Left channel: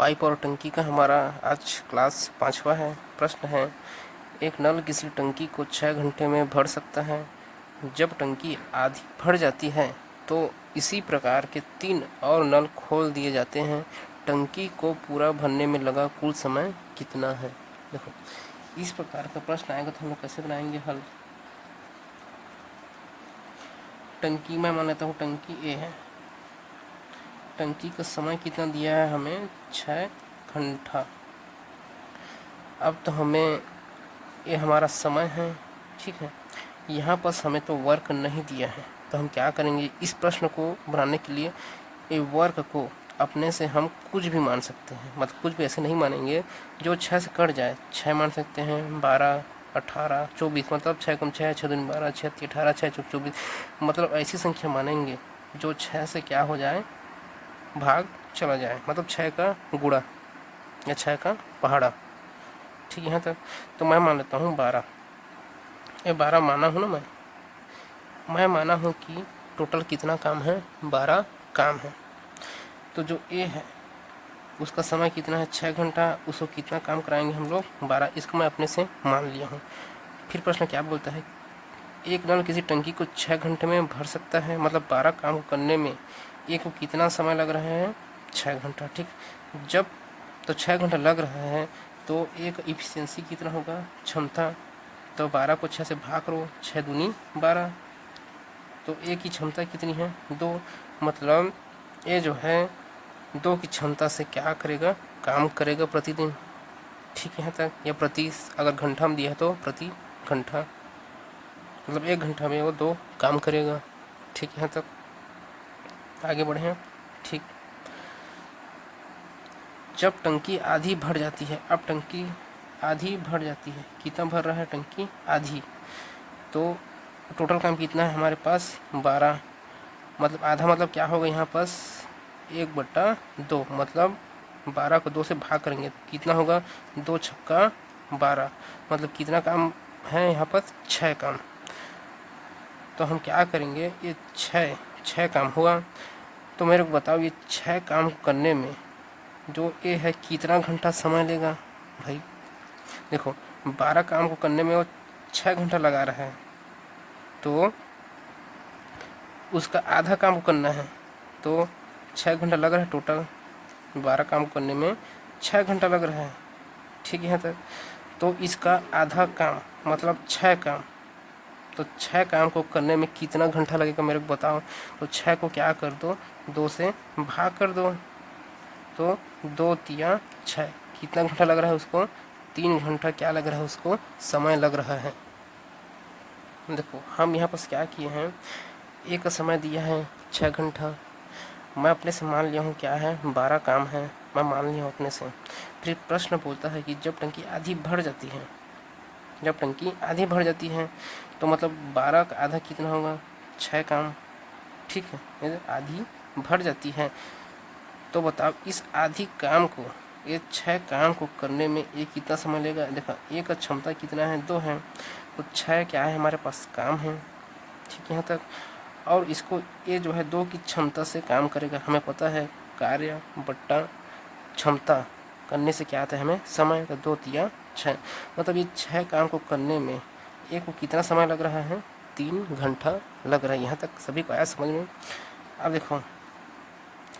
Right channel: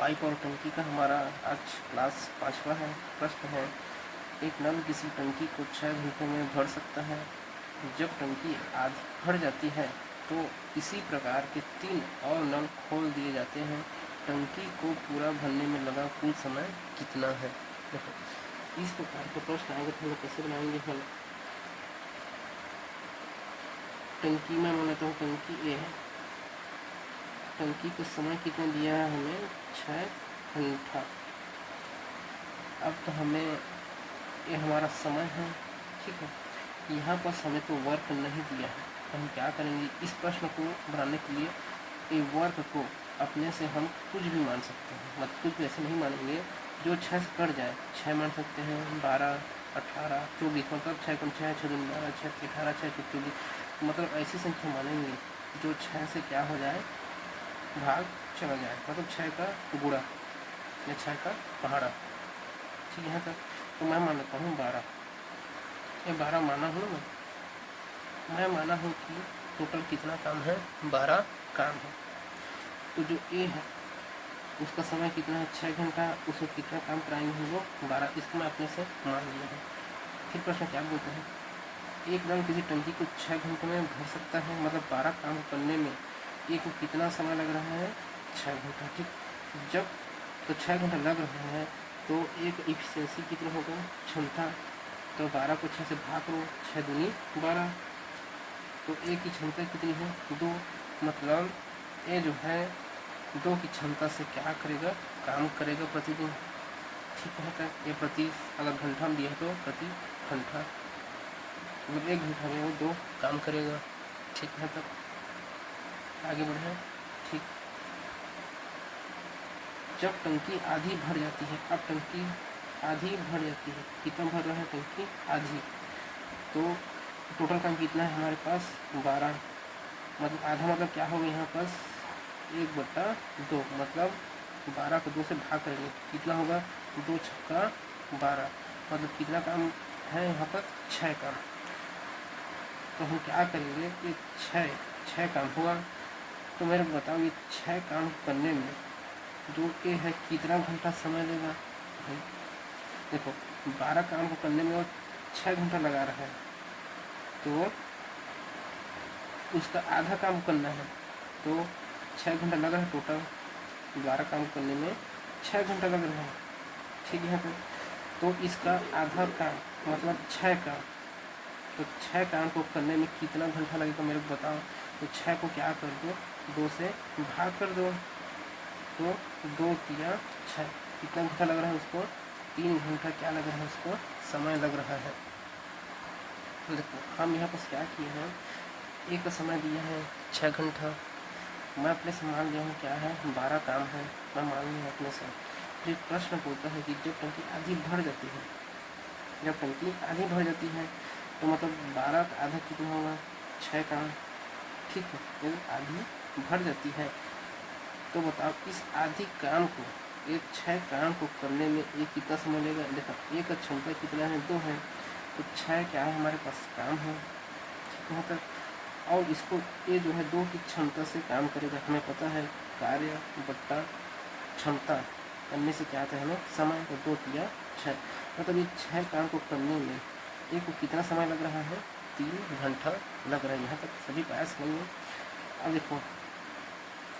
Pipe और टंकी का हमारा आज क्लास 5वां है। प्रश्न है, एक नल किसी टंकी को 6 घंटे में भर सकता है। जब टंकी आधी भर जाती है तो इसी प्रकार के 3 और नल खोल दिए जाते हैं। टंकी को पूरा भरने में लगा कुल समय कितना है। देखो, इस प्रकार का प्रश्न आएगा तो हम लोग कैसे बनाएंगे हल। टंकी में मान लेता हूँ टंकी ए है, टंकी का समय कितना दिया है हमें 6 घंटा। अब तो हमें ये हमारा समय है, ठीक है। यहाँ पर हमें तो वर्क नहीं दिया है, तो हम क्या करेंगे, इस प्रश्न को बनाने के लिए ये वर्क को अपने से हम कुछ भी मान सकते हैं। मतलब कुछ भी ऐसे नहीं मानेंगे जो 6 से कट जाए। 6 मान सकते हैं, 12, 18, 24, मतलब 6 कम 6, 6 दूनी 12, 6 तीन 18, 6 चौक 24, मतलब ऐसी संख्या मानेंगे जो 6 से क्या हो जाए, भाग चला जाए, मतलब 6 का गुणा या 6 का पहाड़ा। ठीक है, यहाँ तक तो मैं मान लेता हूँ 12। ये 12 माना हूँ ना, मैं माना हूँ कि टोटल कितना काम है, 12 काम है। तो जो ए है उसका समय कितना है, 6 घंटा। उसको कितना काम कराएंगे हम लोग, 12। इसको मैं अपने से मान लिया हूँ। फिर प्रश्न क्या बोलता है, एक नल किसी टंकी को 6 घंटे में भर सकता है। मतलब 12 काम करने में एक को कितना समय लग रहा है, 6 घंटा। ठीक, जब तो 6 घंटा लग रहा है तो एक इफिशियंसी कितना होगा, क्षमता। तो 12 को 6 से भाग करो, 6 दूनी 12, तो ए की क्षमता कितनी है, 2। मतलब ये जो है 2 की क्षमता से क्या करेगा, काम करेगा प्रतिदिन। ठीक है, यहाँ तक। या प्रति, अगर घंटा में दिया है तो प्रति घंटा, मतलब 1 घंटा में वो 2 काम करेगा। ठीक है, यहाँ तक आगे बढ़े। ठीक, जब टंकी आधी भर जाती है, अब टंकी आधी भर जाती है, कितना भर रहा है टंकी, आधी। तो टोटल काम कितना है हमारे पास, 12। मतलब आधा मतलब क्या होगा यहाँ पास, 1/2, मतलब 12 को 2 से भाग करेंगे तो कितना होगा, 2 छक्का 12। मतलब कितना काम है यहाँ पर, 6 काम। तो हम क्या करेंगे, ये 6 काम हुआ। तो मेरे को बताओ, ये 6 काम करने में जो ये है कितना घंटा समय लेगा। भाई देखो, 12 काम को करने में वो 6 घंटा लगा रहा है, तो उसका आधा काम को करना है तो 6 घंटा लग रहा है। टोटल 12 काम करने में 6 घंटा लग रहा है। ठीक है, तो इसका आधा काम मतलब 6 काम, तो 6 काम को करने में कितना घंटा लगेगा मेरे को बताओ। तो 6 को क्या कर दो, 2 से भाग कर दो, तो 2 तिया 6, कितना घंटा लग रहा है उसको, 3 घंटा क्या लग रहा है उसको, समय लग रहा है। देखो हम यहाँ पर क्या किए हैं, एक समय दिया है 6 घंटा, मैं अपने से मान लिया हूँ क्या है, 12 काम है, मैं मान लिया हूँ अपने से। फिर प्रश्न पूछता है कि जब टंकी आधी भर जाती है, जब टंकी आधी भर जाती है तो मतलब 12 का आधा कितना होगा, 6 काम। ठीक है, ये आधी भर जाती है तो बताओ इस आधी काम को, ये 6 काम को करने में ये कितना समय लेगा। देखो एक का क्षमता कितना है, 2 है, तो 6 क्या है हमारे पास, काम है। ठीक है, यहाँ तक। और इसको ये जो है 2 की क्षमता से काम करेगा, हमें पता है कार्य बट्टा क्षमता करने से क्या आता है हमें, समय। तो 2 तिया 6, मतलब ये 6 काम को करने में एक को कितना समय लग रहा है, 3 घंटा लग रहा है। यहाँ तक सभी को आया समझ में। अब देखो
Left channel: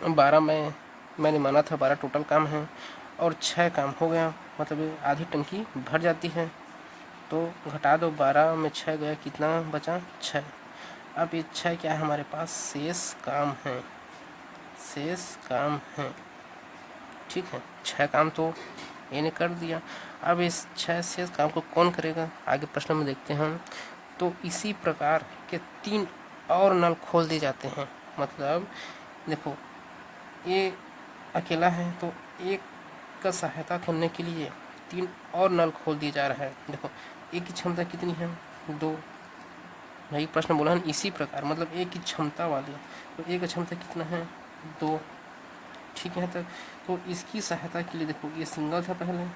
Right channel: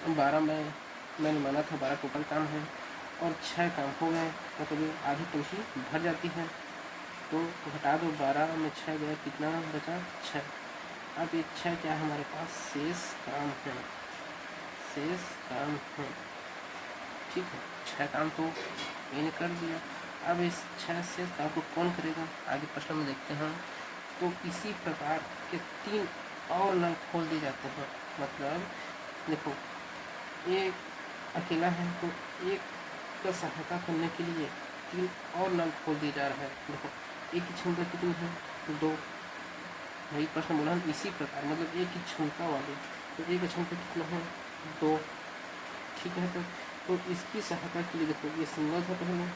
12 में मैंने माना था 12 टोटल काम है और 6 काम हो गया, मतलब ये आधी टंकी भर जाती है। तो घटा दो, 12 में 6 गया, कितना बचा, 6। अब ये 6 क्या है हमारे पास, शेष काम है, शेष काम है। ठीक है, 6 काम तो इन्हें कर दिया। अब इस 6 शेष काम को कौन करेगा, आगे प्रश्न में देखते हैं। तो इसी प्रकार के 3 और नल खोल दिए जाते हैं। मतलब देखो ये अकेला है तो एक का सहायता करने के लिए 3 और नल खोल दिया जा रहा है। देखो एक की क्षमता कितनी है, 2। वही प्रश्न बोला है, इसी प्रकार मतलब एक की क्षमता वाली, तो एक की क्षमता कितना है, 2। ठीक है, तो इसकी सहायता के लिए देखो ये सिंगल था पहले,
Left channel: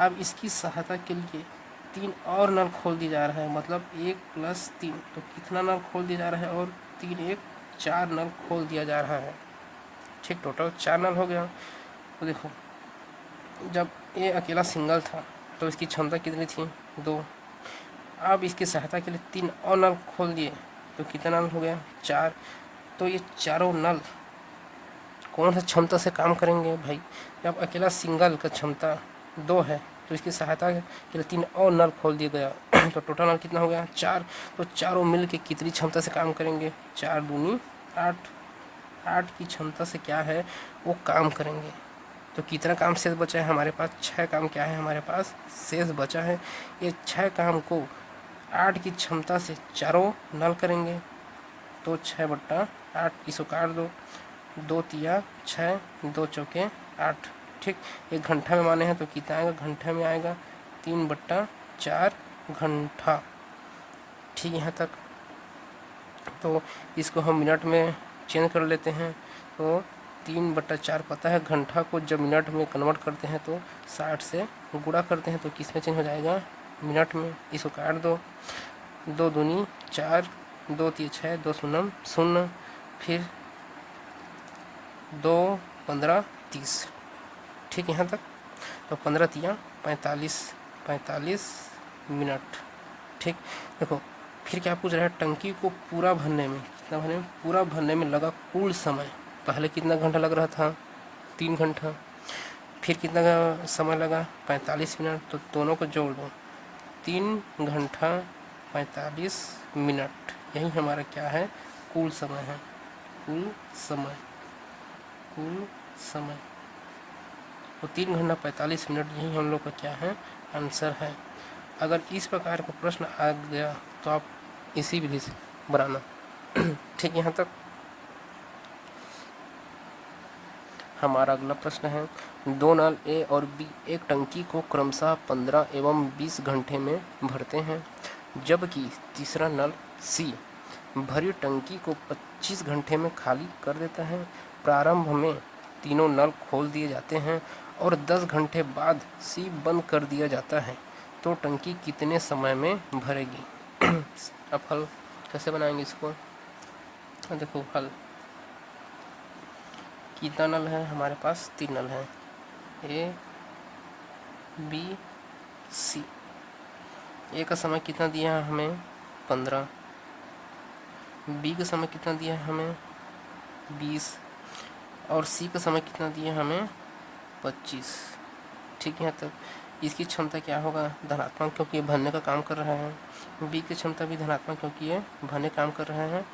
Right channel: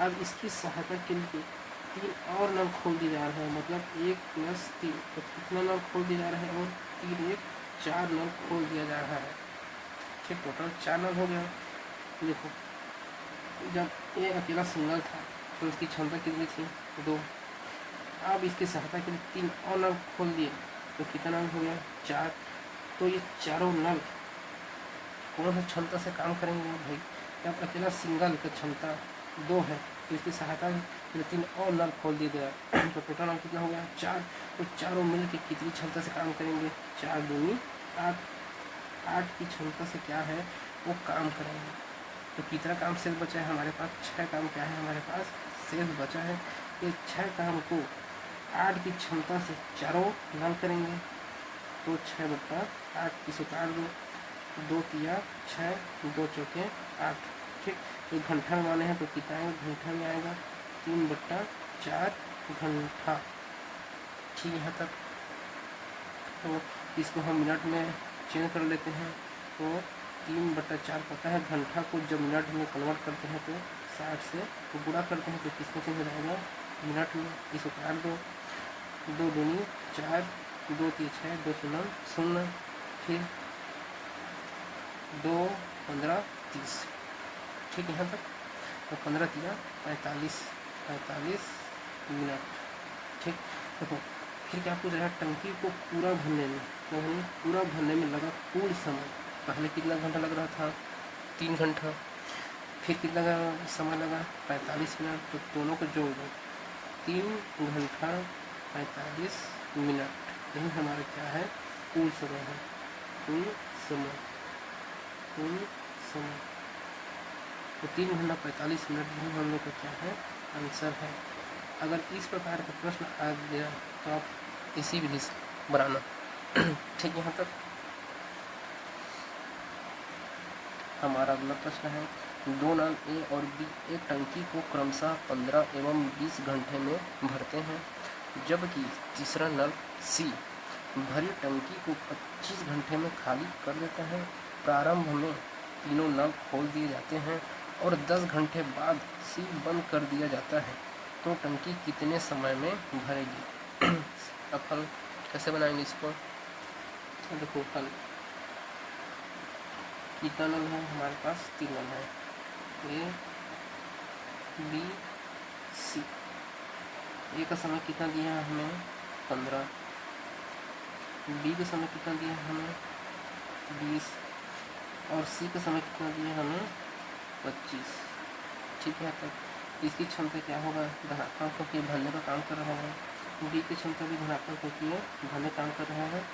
अब इसकी सहायता के लिए 3 और नल खोल दिया जा रहा है। मतलब 1 + 3, तो कितना नल खोल दिया जा रहा है, और 3 1 4 नल खोल दिया जा रहा है। ठीक, टोटल 4 नल हो गया। तो देखो जब ये अकेला सिंगल था तो इसकी क्षमता कितनी थी 2। अब इसकी सहायता के लिए 3 और नल खोल दिए तो कितना नल हो गया 4। तो ये चारों नल कौन सा क्षमता से काम करेंगे भाई? जब अकेला सिंगल का क्षमता 2 है तो इसकी सहायता के लिए 3 और नल खोल दिया गया तो टोटल नल कितना हो गया 4। तो चारों मिल के कितनी क्षमता से काम करेंगे? 4 दूनी 8। 8 की क्षमता से क्या है वो काम करेंगे। तो कितना काम शेष बचा है हमारे पास? 6 काम क्या है हमारे पास शेष बचा है। ये 6 काम को 8 की क्षमता से चारों नल करेंगे। तो 6/8 इसको काट दो, 2 तिया 6, 2 चौके 8। ठीक, एक घंटा में माने हैं तो कितना आएगा? घंटा में आएगा 3/4 घंटा। ठीक, यहाँ तक। तो इसको हम मिनट में चेंज कर लेते हैं। तो 3/4 पता है, घंटा को जब मिनट में कन्वर्ट करते हैं तो 60 से गुणा करते हैं तो किस में चेंज हो जाएगा? मिनट में। इसको काट दो, 2 दूनी 4, 2 तिया 6, 2 शून्य 0, फिर 2 15 30। ठीक, यहाँ तक। तो 15 तिया 45 मिनट। ठीक, देखो फिर क्या पूछ रहा है? टंकी को पूरा भरने में पूरा भरने में लगा कुल समय। पहले कितना घंटा लग रहा था? 3 घंटा। फिर कितना समय लगा? 45 मिनट। तो दोनों को जोड़ दो, 3 घंटा 45 मिनट। यही हमारा क्या है? कुल समय है। कुल समय तो 3 घंटा 45 मिनट यही हम लोग का क्या है? आंसर है। अगर इस प्रकार का प्रश्न आ गया तो आप इसी विधि से बनाना। ठीक, यहाँ तक। हमारा अगला प्रश्न है, 2 नल ए और बी एक टंकी को क्रमशः 15 एवं 20 घंटे में भरते हैं, जबकि तीसरा नल सी भरी टंकी को 25 घंटे में खाली कर देता है। प्रारंभ में तीनों नल खोल दिए जाते हैं और 10 घंटे बाद सी बंद कर दिया जाता है, तो टंकी कितने समय में भरेगी? अब हल कैसे बनाएंगे इसको? देखो हल, कितना नल है हमारे पास? 3 नल है, ए बी सी। ए का समय कितना दिया है हमें? 15। बी का समय कितना दिया है हमें? 20। और सी का समय कितना दिया है हमें? 25। ठीक है, तक इसकी क्षमता क्या होगा? धनात्मक, क्योंकि ये भरने का काम कर रहा है। बी की क्षमता भी धनात्मक क्योंकि ये भरने काम कर रहे हैं।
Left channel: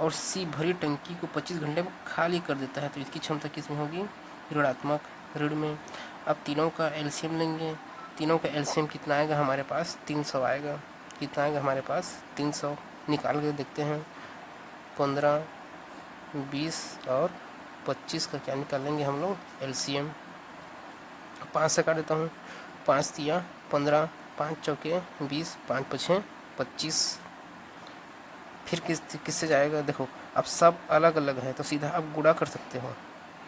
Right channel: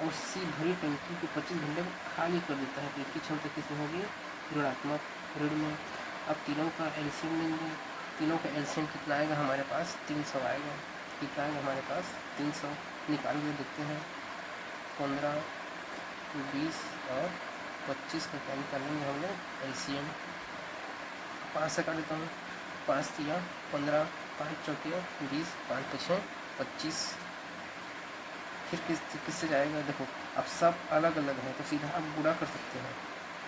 और सी भरी टंकी को 25 घंटे में खाली कर देता है, तो इसकी क्षमता किस में होगी? ऋणात्मक, ऋण में। अब तीनों का एलसीएम लेंगे। तीनों का एलसीएम कितना आएगा हमारे पास? 300 आएगा। कितना आएगा हमारे पास? 300। निकाल के देखते हैं। 15, 20 और 25 का क्या निकालेंगे हम लोग? एलसीएम। 5 से काट देता हूँ। 5 तिया 15, 5 चौके 20, 5 पछे 25। फिर किससे जाएगा? देखो अब सब अलग अलग है तो सीधा आप गुणा कर सकते हो।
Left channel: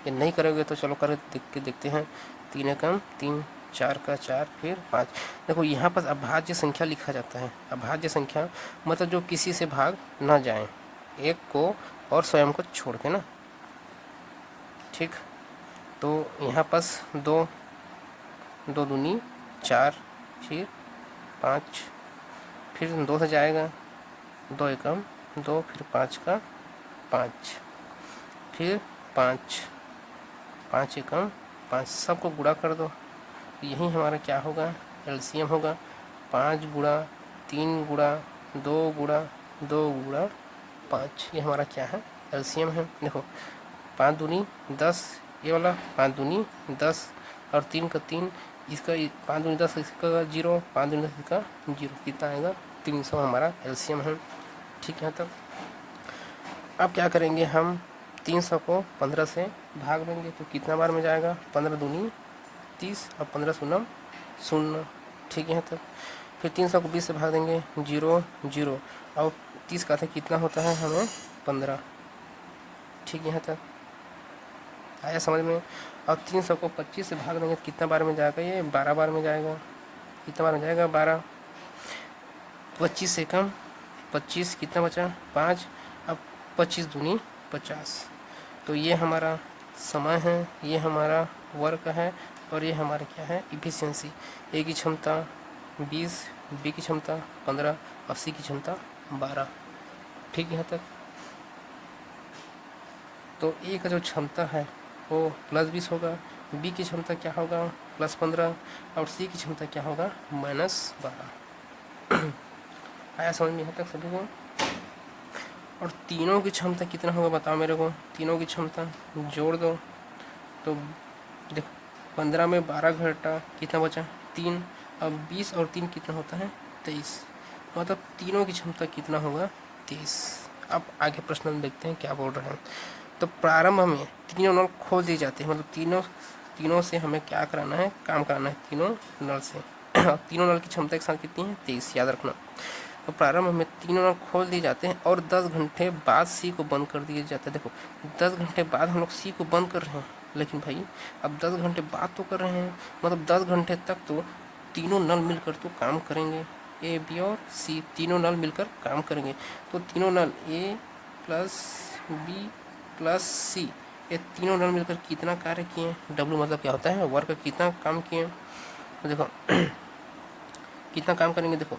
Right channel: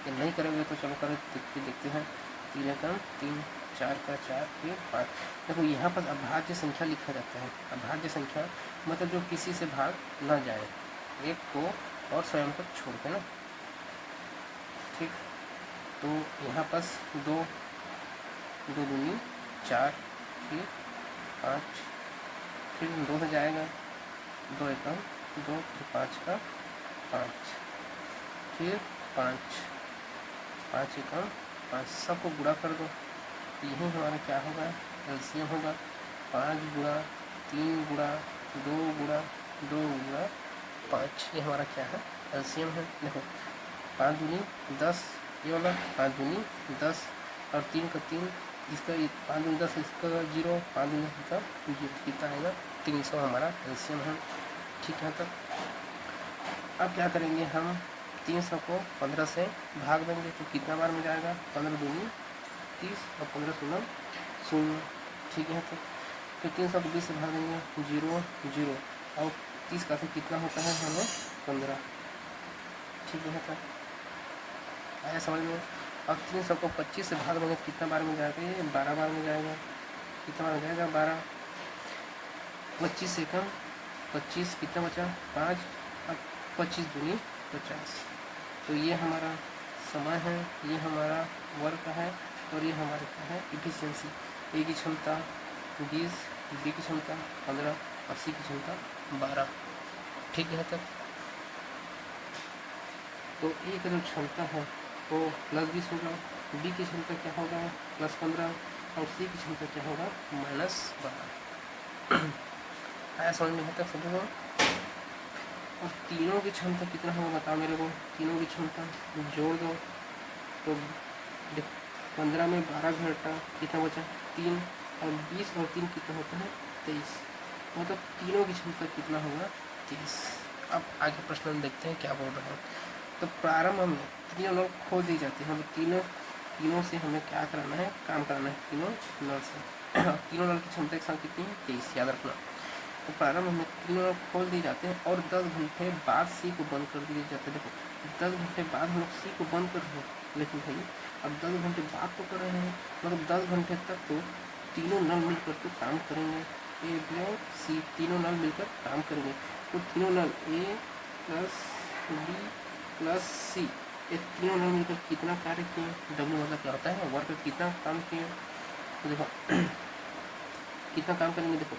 ये नहीं करोगे तो चलो कर देखते हैं। 3 एकम 3, 4 का 4, फिर 5। देखो यहाँ पर अभाज्य संख्या लिखा जाता है। अभाज्य संख्या मतलब जो किसी से भाग ना जाए, एक को और स्वयं को छोड़ के ना। ठीक, तो यहाँ पास 2 दूनी 4, फिर 5, फिर 2 से जाएगा, 2 एकम 2, फिर 5 का 5, फिर 5, 5 एकम 5, सबको गुणा कर दो। तो यही हमारा क्या होगा? एलसीएम होगा। 5 गुणा 3 गुणा 2 गुणा 2 गुणा 5, ये हमारा क्या है? एलसीएम है। देखो 5 दूनी 10, ये वाला 5 दूनी 10 और 3 का 3, इसका 5 दूनी 10, इसका 0, 5 दूनी 10 इसका 0, कितना आएगा? 300 हमारा एलसीएम है। ठीक है, तो अब क्या करेंगे हम? 300 को 15 से भाग देंगे तो कितना बार में जाएगा? 15 दूनी 30 और 15 शून्य 0। ठीक है, तो फिर 300 को 20 से भाग देंगे, 0 0 और 30 का था कितना होता है हमें? 15। ठीक है, तो आया समझ में? अब 300 को 25 से भाग देंगे कितना बार में जाएगा? ये 12 बार में जाएगा। कितना बार में जाएगा? 12। 25 से कम 25, कितना बचा? 5। अब 25 दूनी 50। तो ये हमारा समय है, ये हमारा वर्क है और ये हमारा क्या है इफिशियंसी। ए की क्षमता 20, बी की क्षमता 15 और सी की क्षमता 12। ठीक, यहाँ तक। तो ए का जो क्षमता है वो +20 होगा, बी की क्षमता क्या होगा +15 और सी की क्षमता क्या होगा -12। आया समझ में? यहाँ तक सभी को। और तीनों की क्षमता कितना होगा बताओ मेरे को, तीनों की क्षमता जोड़ दो तो देख 15 में 12 घटा कितना बचा 3 और 20 और 3 कितना होता है 23, मतलब तीनों की क्षमता कितना होगा 23। अब आगे प्रश्न में देखते हैं क्या बोल रहे हैं। तो प्रारंभ में तीनों नल खोल दिए जाते हैं, मतलब तीनों से हमें क्या कराना है, काम कराना है तीनों नल से। तीनों नल की क्षमता एक साथ कितनी है 23, याद रखना। तो प्रारंभ में तीनों नल खोल दिए जाते हैं और 10 घंटे बाद सी को बंद कर दिया जाता है। देखो 10 घंटे बाद हम लोग सी को बंद कर रहे हैं, लेकिन भाई अब 10 घंटे बाद तो कर रहे हैं, मतलब 10 घंटे तक तो तीनों नल मिलकर तो काम करेंगे, ए बी और सी तीनों नल मिलकर काम करेंगे। तो तीनों नल ए प्लस बी प्लस सी ये तीनों नल मिलकर कितना कार्य किए, डब्ल्यू मतलब क्या होता है वर्क, कितना काम किए। तो देखो कितना काम करेंगे, देखो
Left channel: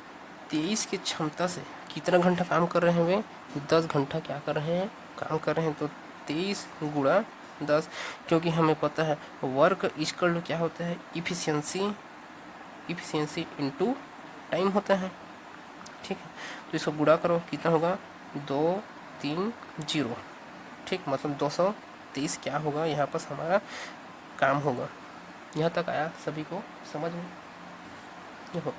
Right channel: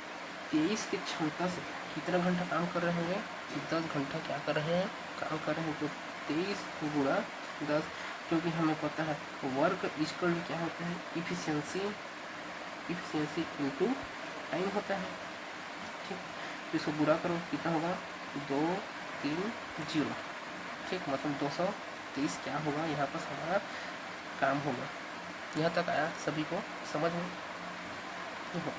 23 की क्षमता से कितना घंटा काम कर रहे हैं वे 10 घंटा क्या कर रहे हैं काम कर रहे हैं। तो 23 गुणा 10, क्योंकि हमें पता है वर्क इक्वल टू क्या होता है इफिशियंसी इनटू टाइम होता है। ठीक है, तो इसको गुणा करो कितना होगा 230। ठीक, मतलब 230 क्या होगा यहाँ पर हमारा काम होगा। यहाँ तक आया सभी को समझ में? देखो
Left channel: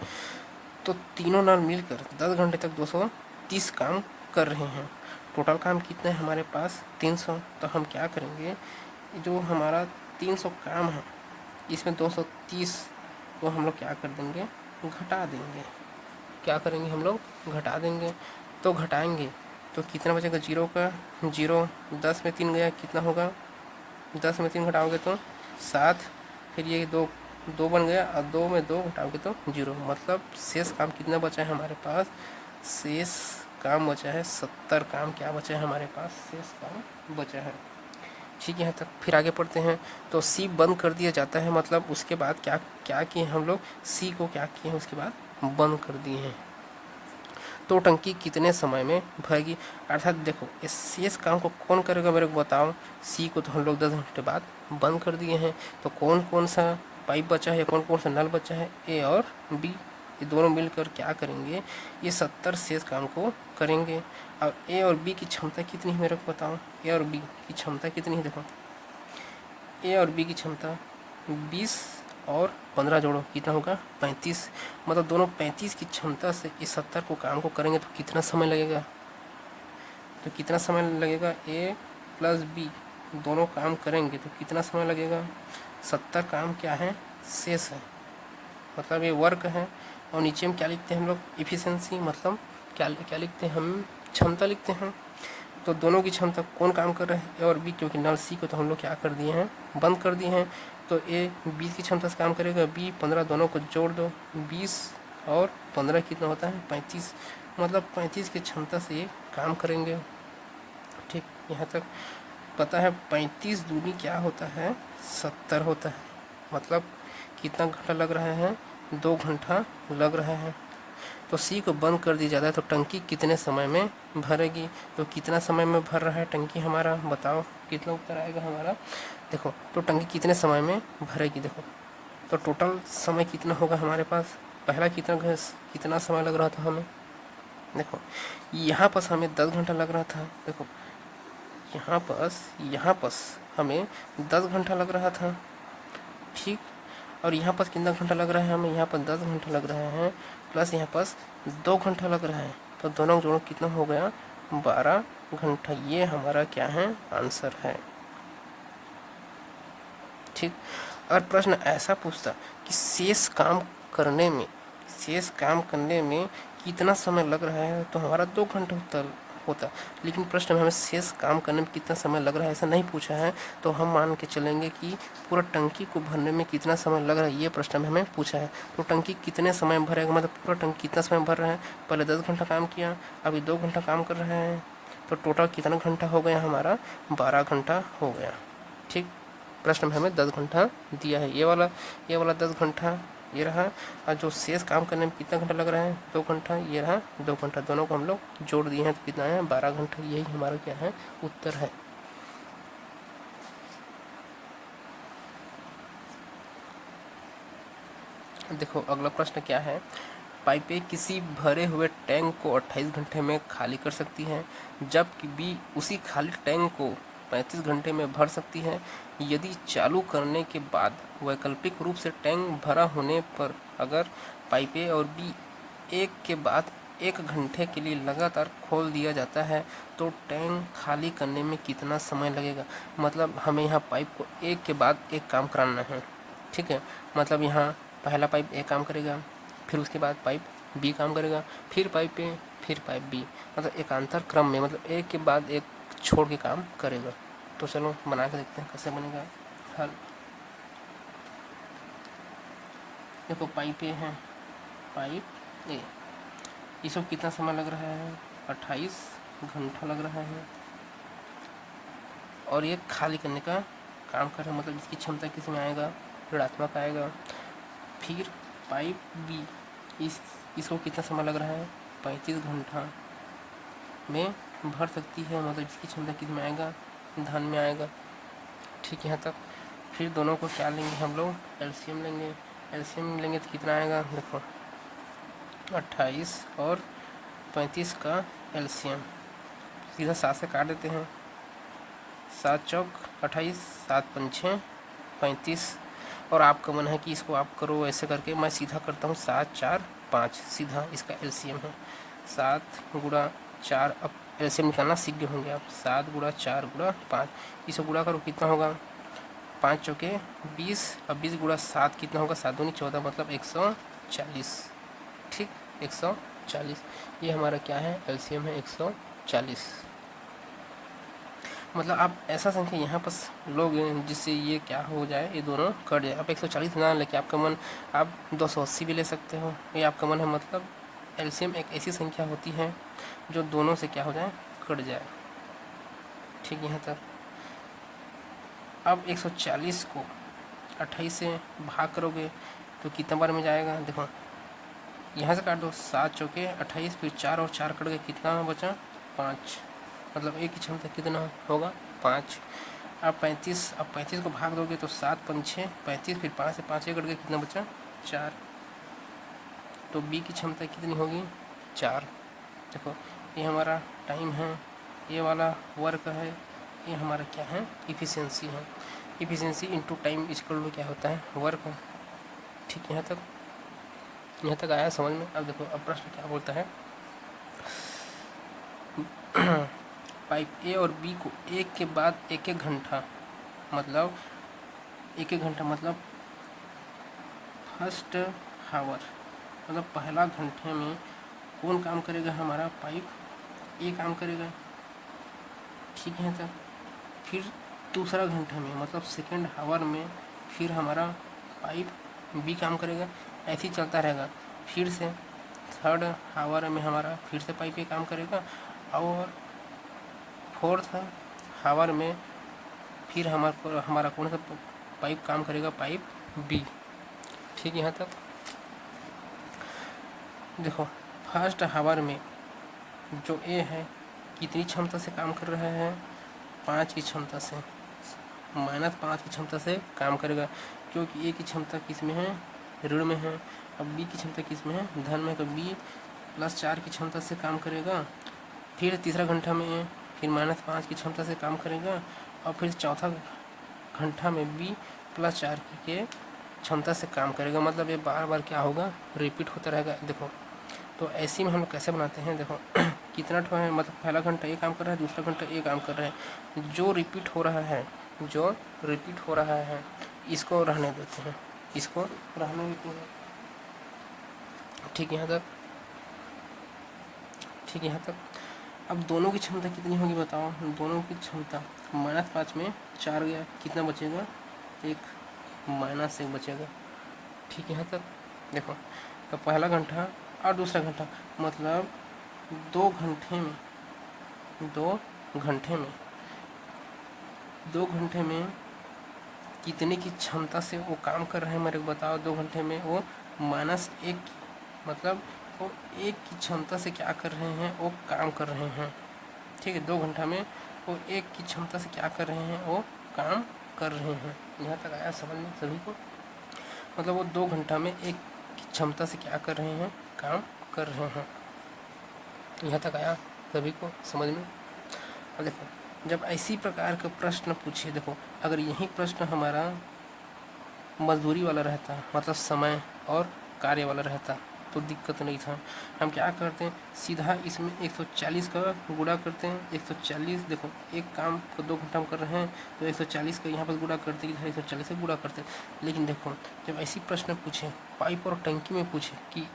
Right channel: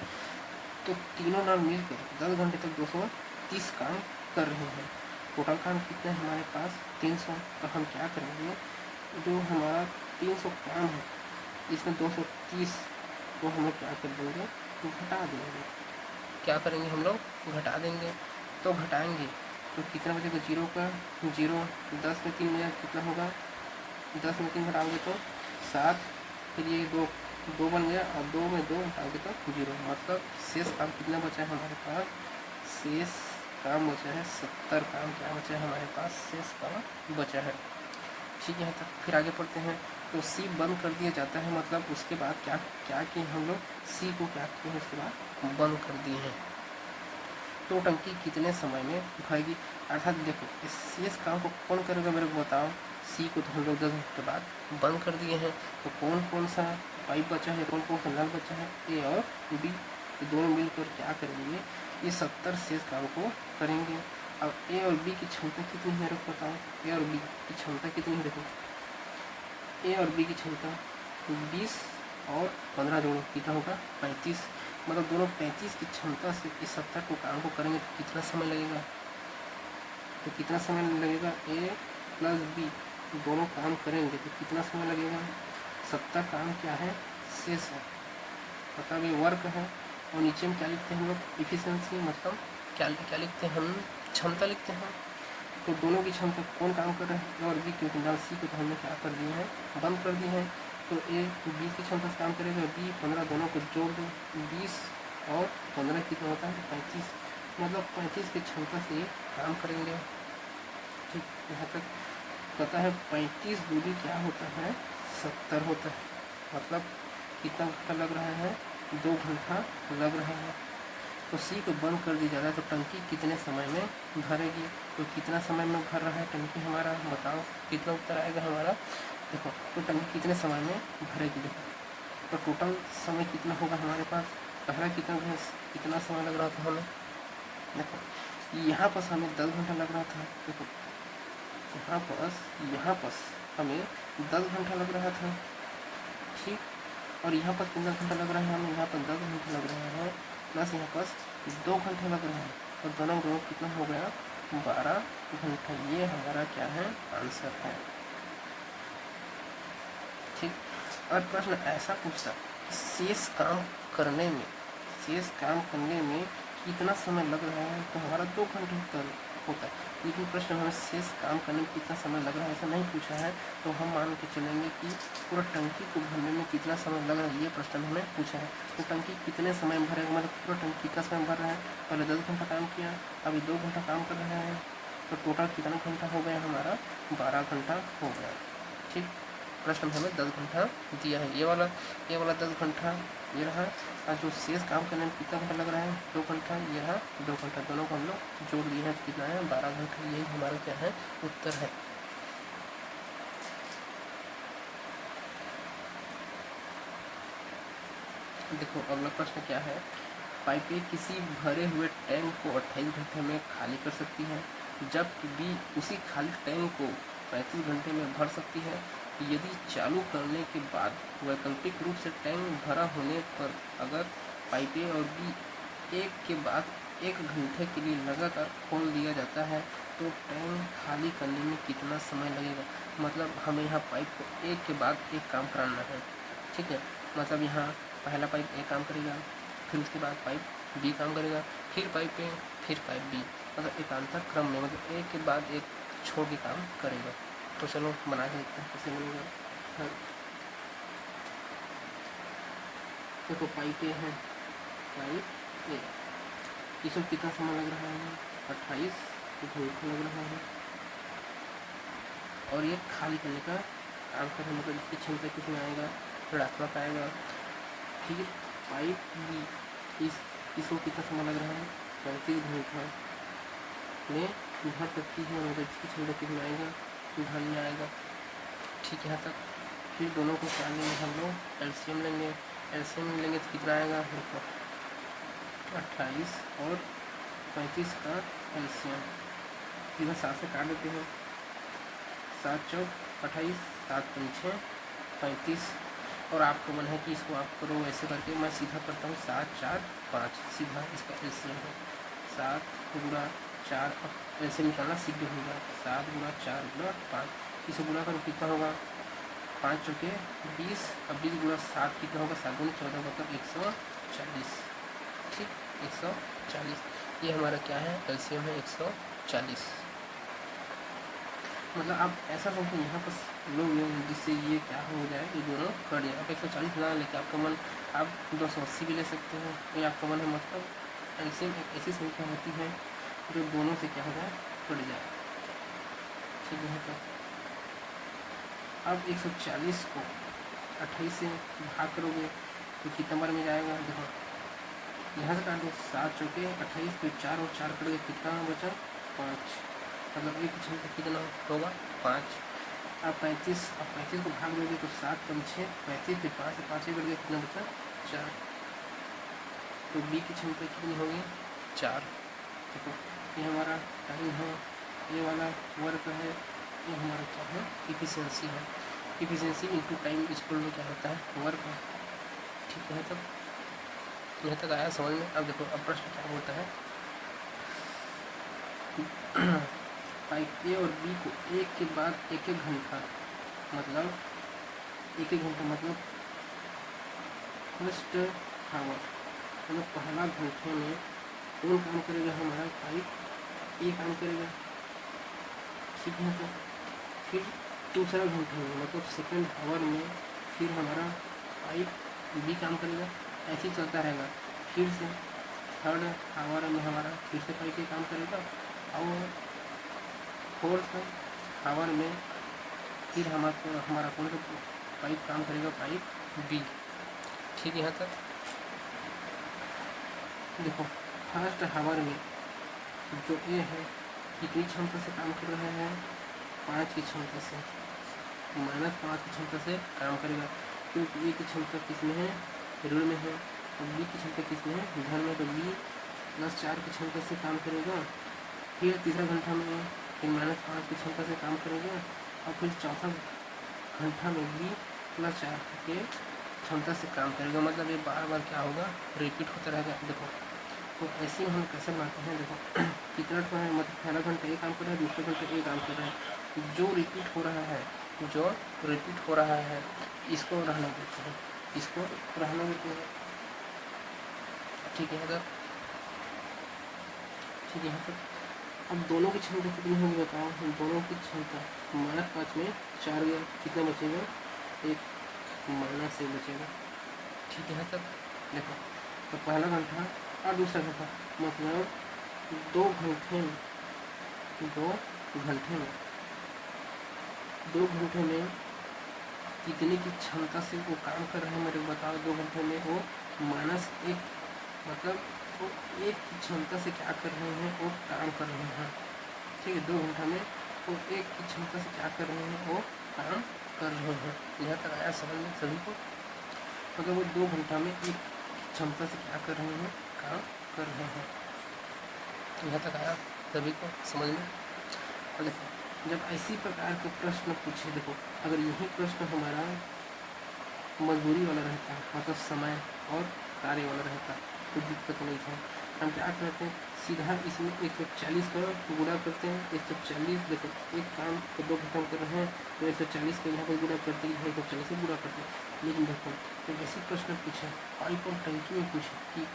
तो तीनों नाल मिलकर 10 घंटे तक 230 काम कर रहे हैं। टोटल काम कितना है हमारे पास 300। तो हम क्या करेंगे, जो हमारा 300 काम है इसमें 230 को हम लोग क्या कर देंगे घटा देंगे। क्या करेंगे हम लोग घटा देंगे। तो घटाएंगे तो कितना बचेगा 0 का 0, 10 में 3 गया कितना होगा 10 में 3 घटाओगे तो 7, फिर ये 2 बन गया और 2 में 2 घटाओगे तो 0, मतलब शेष काम कितना बचा है हमारे पास, शेष काम बचा है 70 काम क्या बचा है हमारे पास, शेष काम बचा है। ठीक है, यहाँ तक। फिर आगे पढ़ते हैं। तो सी बंद कर दिया जाता है, मतलब उसके बाद क्या क्या किए हम लोग, सी को क्या किए उसके बाद बंद कर दिए हैं। तो टंकी कितने समय में भरेगी, अर्थात देखो इस शेष काम को कौन करेगा मेरे को बताओ। सी को तो हम लोग 10 घंटे बाद बंद कर दिए हैं, तो कौन कौन सा पाइप बचा है, कौन कौन सा नल बचा है, ए और बी, ये दोनों मिलकर क्या करेंगे, ये 70 शेष काम को करेंगे। और ए और बी की क्षमता कितनी है मेरे को बताओ, ए और बी की क्षमता कितनी है, देखो ए और बी की क्षमता 20 और 15 जोड़ो कितना होगा 35, मतलब दोनों 35 की क्षमता से इस 70 को काम को करेंगे। तो कितना समय लगेगा, तो कितना समय लगेगा, ए प्लस बी दोनों काम करेंगे तो कितना समय लगेगा, 70 काम क्या है शेष है, मतलब ये वर्क है। और नीचे में क्या लिखते हैं हम लोग इफिशियंसी, मतलब क्या लिखते हैं हम क्षमता लिखते हैं। तो दोनों की क्षमता कौन काम कर रहा है, ए और बी, क्योंकि नल सी को तो हम लोग क्या कर दिए हैं बंद कर दिए हैं। तो ए 20 की क्षमता से काम करेगा, बी 15, दोनों को जोड़ दो 20 और 15 कितना होता है 35, मतलब 35 की क्षमता से ये काम करेंगे। ठीक, यहाँ तक पता है। 35 दूनी क्या होता है 70 होता है, मतलब कितना घंटा लग रहा है 2 घंटा लग रहा है। तो सी को बंद कर दिया जाता है। तो टंकी कितने समय में भरेगी, तो कितना समय में भर रहा है टंकी हमारा, बताओ कितना उत्तर आएगा हमारा। देखो तो टंकी कितने समय में भरेगी, देखो तो टोटल समय कितना होगा हमारे पास, पहला कितना समय लग रहा था हमें, देखो यहाँ पर हमें 10 घंटा लग रहा था। देखो यहाँ पर हमें 10 घंटा लग रहा था। ठीक, और यहाँ पर कितना घंटा लग रहा है हमें, यहाँ पर 10 घंटा लग रहा है, प्लस यहाँ पर 2 घंटा लग रहा है। तो दोनों जोड़ो कितना हो गया 12 घंटा। ये हमारा क्या है आंसर है। ठीक, अगर प्रश्न ऐसा पूछता कि शेष काम करने में कितना समय लग रहा है, तो हमारा 2 घंटा होता। लेकिन प्रश्न में हमें शेष काम करने में कितना समय लग रहा है ऐसा नहीं पूछा है, तो हम मान के चलेंगे कि पूरा टंकी को भरने में कितना समय लग रहा है ये प्रश्न में हमें पूछा है। तो टंकी कितने समय भरेगा, मतलब पूरा टंकी कितना समय भर रहा है, पहले 10 घंटा काम किया, अभी 2 घंटा काम कर रहे हैं, तो टोटल कितना घंटा हो गया हमारा 12 घंटा हो गया। ठीक, प्रश्न में हमें 10 घंटा दिया है। ये वाला 10 घंटा ये रहा, और जो शेष काम करने में कितना घंटा लग रहा है 2 घंटा, ये रहा 2 घंटा, दोनों को हम लोग जोड़ दिए हैं तो कितना है 12 घंटा। यही हमारा क्या है उत्तर है। देखो अगला प्रश्न क्या है, पाइपें किसी भरे हुए टैंक को 28 घंटे में खाली कर सकती हैं, जबकि बी उसी खाली टैंक को 35 घंटे में भर सकती है। यदि चालू करने के बाद वैकल्पिक रूप से टैंक भरा होने पर अगर पाइपें और बी एक के बाद 1 घंटे के लिए लगातार खोल दिया जाता है तो टैंक खाली करने में कितना समय लगेगा। मतलब हमें यहाँ पाइप को एक के बाद एक काम कराना है, ठीक है। मतलब यहाँ पहला पाइप ए काम करेगा, फिर उसके बाद पाइप बी काम करेगा, फिर पाइप ए, फिर पाइप बी, मतलब एकांतर क्रम में, मतलब एक के बाद एक छोड़ के काम करेगा। तो चलो बना के देखते हैं कैसे बनेगा हल। देखो पाइप ए है, पाइप ए, इसको कितना समय लग रहा है 28 घंटा लग रहा है, और ये खाली करने का काम कर रहा है, मतलब इसकी क्षमता किसमें आएगा ऋणात्मक आएगा। फिर पाइप बी, इसको कितना समय लग रहा है 35 घंटा में भर सकती है, मतलब इसकी क्षमता किसमें आएगा धन में आएगा, ठीक है। यहाँ तक फिर दोनों को क्या लेंगे हम लोग एलसीएम लेंगे, एलसीएम लेंगे तो कितना आएगा देखो 28 और 35 का एलसीएम सीधा 7 से काट देते हैं, 7 चौक 28, 7 पंचे 35, और आपका मन है कि इसको आप करो ऐसे करके, मैं सीधा करता हूँ 7 4 5, सीधा इसका एलसीएम है 7 गुणा 4, अब एलसीएम निकालना सीख गए होंगे आप, 7 गुणा 4 गुणा 5, इसे गुणा करो कितना होगा 5 चौके 20, अब 20 गुणा 7 कितना होगा 7 दूनी 14, मतलब 140, ठीक 140, ये हमारा क्या है एलसीएम है 140। मतलब आप ऐसा संख्या यहाँ पर लोग जिससे ये क्या हो जाए ये दोनों कट जाए। आप 140 ना लेके आपका मन आप 280 भी ले सकते हो, ये आपका मन है। मतलब एलसीएम एक ऐसी संख्या होती है जो दोनों से क्या हो जाए कट जाए, ठीक है। तब अब 140 को 28 से भाग करोगे तो कितना बार में जाएगा देखो, यहाँ से काट दो 7 चौके 28, फिर 4 और 4 कट गए, कितना बचा 5, मतलब एक की क्षमता कितना होगा 5। अब 35 को भाग दोगे तो 7 पंचे 35, फिर 5 से 5 कट गए, कितना बचा 4, तो बी की क्षमता कितनी होगी 4। देखो ये हमारा टाइम है, ये वाला वर्क है, ये हमारा क्या है इफिशिएंसी है, efficiency into time equal to क्या होता है वर्क, ठीक है। यहाँ तक आया समझ में। अब देखो अब प्रश्न क्या बोलता है पाइप ए और बी को एक के बाद एक घंटा, मतलब एक घंटा मतलब फर्स्ट हावर, मतलब पहला घंटे में कौन काम करेगा हमारा पाइप ए काम करेगा, ठीक है। तो फिर दूसरा घंटे में मतलब सेकेंड हावर में फिर हमारा पाइप बी काम करेगा, ऐसे ही चलता रहेगा। फिर से थर्ड हावर में हमारा फिर से पाइप ए काम करेगा, और फोर्थ हावर में फिर हमारा कौन सा पाइप काम करेगा पाइप बी, ठीक है। यहाँ तक देखो फर्स्ट हावर में जो ए है कितनी क्षमता से काम कर रहा है 5 की क्षमता से, -5 की क्षमता से काम करेगा, क्योंकि ए की क्षमता किस में है ऋण में है, और बी की क्षमता किस में है धन में, तो बी +4 की क्षमता से काम करेगा। फिर तीसरा घंटा में फिर -5 की क्षमता से काम करेगा, और फिर चौथा घंटा में बी +4 के क्षमता से काम करेगा। मतलब ये बार बार क्या होगा रिपीट होता रहेगा। देखो तो ऐसे में हम कैसे बनाते हैं, देखो कितना ठो है, मतलब पहला घंटा ये काम कर रहा है, दूसरा घंटा ये काम कर रहा है, जो रिपीट हो रहा है इसको रहने देते हैं, इसको रहने देते हैं, ठीक है। तक ठीक है। तक अब दोनों की क्षमता कितनी होगी बताओ, दोनों की क्षमता -5 में 4 गया, कितना बचेगा 1 -1 बचेगा, ठीक है। तक देखो तो पहला घंटा और दूसरा घंटा मतलब 2 घंटे में 2 घंटे में कितने की क्षमता से वो काम कर रहे हैं मेरे को बताओ 2 घंटे में। वो -1 मतलब वो 1 की क्षमता से क्या कर रहे हैं, वो काम कर रहे हैं। ठीक है, 2 घंटा में वो 1 की क्षमता से क्या कर रहे हैं, वो काम कर रहे हैं। यहाँ तक आया समझ में सभी को? मतलब वो 2 घंटा में 1 की क्षमता से क्या कर रहे हैं, काम कर रहे हैं। यहाँ तक आया सभी को समझ में? देखो जब ऐसी प्रकार का प्रश्न पूछे, देखो अगर यही प्रश्न हमारा मजदूरी वाला रहता है, मतलब समय और कार्य वाला रहता है, तो दिक्कत नहीं था। हम क्या करते हैं, सीधा इसमें 140 का गुणा करते हैं। 140 देखो एक काम को 2 घंटा में कर रहे हैं तो 140 का यहाँ पर गुणा करते हैं, 140 से गुणा करते हैं। लेकिन देखो जब ऐसी प्रश्न पूछे, पाइप और टंकी में पूछे कि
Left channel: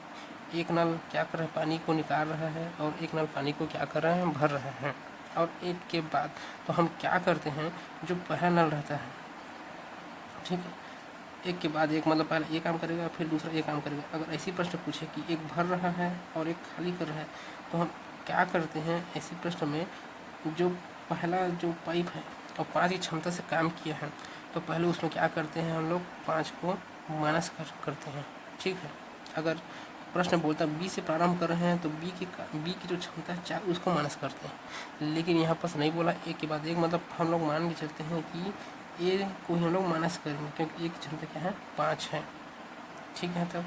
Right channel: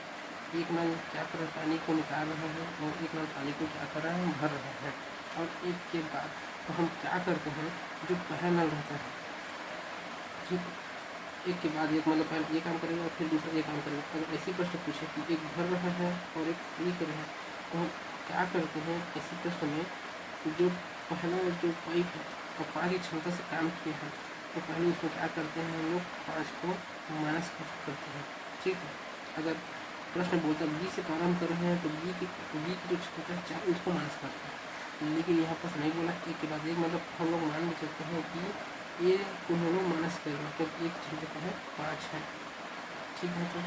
एक नल क्या कर रहा है, पानी को निकाल रहा है, और एक नल पानी को क्या कर रहा है, भर रहा है, और एक के बाद तो हम क्या करते हैं, जो पहला नल रहता है, ठीक है, एक के बाद एक, मतलब पहले एक काम करेगा फिर दूसरा एक काम करेगा। अगर ऐसी प्रश्न पूछे कि एक भर रहा है और एक खाली कर रहा है, तो हम क्या करते हैं ऐसी प्रश्न में, जो पहला जो पाइप है और 5 की क्षमता से काम किया है, तो पहले उसमें क्या करते हैं हम लोग, 5 को माइनस करते हैं। ठीक है, अगर प्रश्न बोलता बी से प्रारंभ कर रहे हैं तो बी की जो क्षमता है 4, उसको माइनस करते हैं। लेकिन यहाँ पर नहीं बोला एक के बाद एक, मतलब हम लोग मान के चलते हैं कि ये को हम लोग माइनस करेंगे, क्योंकि एक क्षमता क्या है, 5 है। ठीक है, तो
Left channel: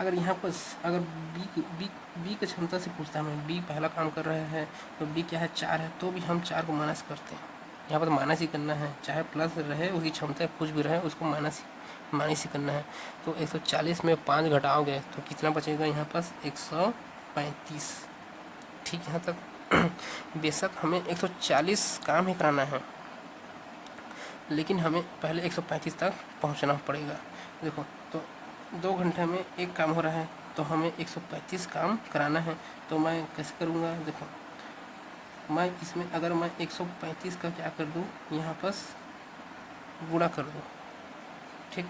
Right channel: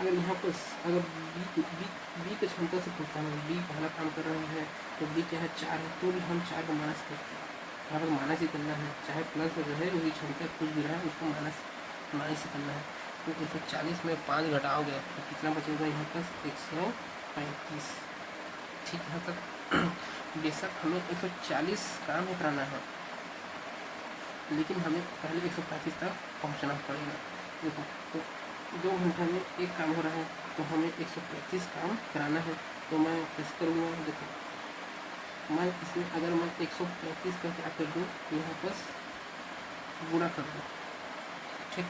अगर यहाँ पर अगर बी की क्षमता से पूछता है, बी पहला काम कर रहा है तो बी क्या है, 4 है, तो भी हम 4 को माइनस करते हैं। यहाँ पर माइनस ही करना है, चाहे प्लस रहे उसकी क्षमता कुछ भी रहे, उसको माइनस ही करना है। तो 140 में 5 घटाओगे तो कितना बचेगा, यहाँ पर 135। ठीक है, तक बेशक हमें 140 काम ही कराना है, लेकिन हमें पहले 135 तक पहुंचना पड़ेगा। देखो तो 2 घंटे में एक काम हो रहा है, तो हमें 135 काम कराना है। तो मैं कैसे करूँगा, देखो मैं इसमें अगर मैं 135 का क्या कर दूँ, यहाँ पर गुणा कर दूँ। ठीक,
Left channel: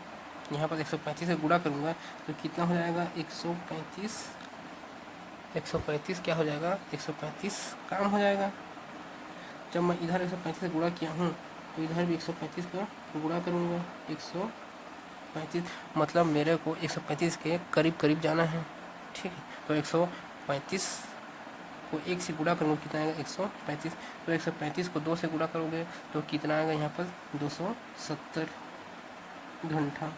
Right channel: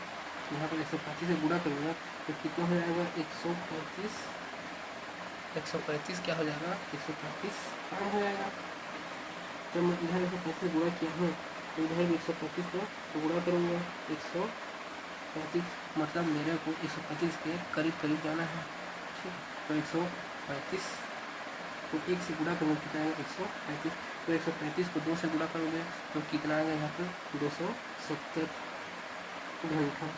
यहाँ पर 135 से गुणा करूँगा तो कितना हो जाएगा, 135 क्या हो जाएगा, 135 काम हो जाएगा। जब मैं इधर 135 से गुणा किया हूँ तो इधर भी 135 का गुणा करूँगा, 135, मतलब मेरे को 135 के करीब जाना है। ठीक है, तो 135 को 1 से गुणा करूँगा, कितना आएगा, 135। तो 135 को 2 से गुणा करोगे तो कितना आएगा, यहाँ पर 270 घंटा।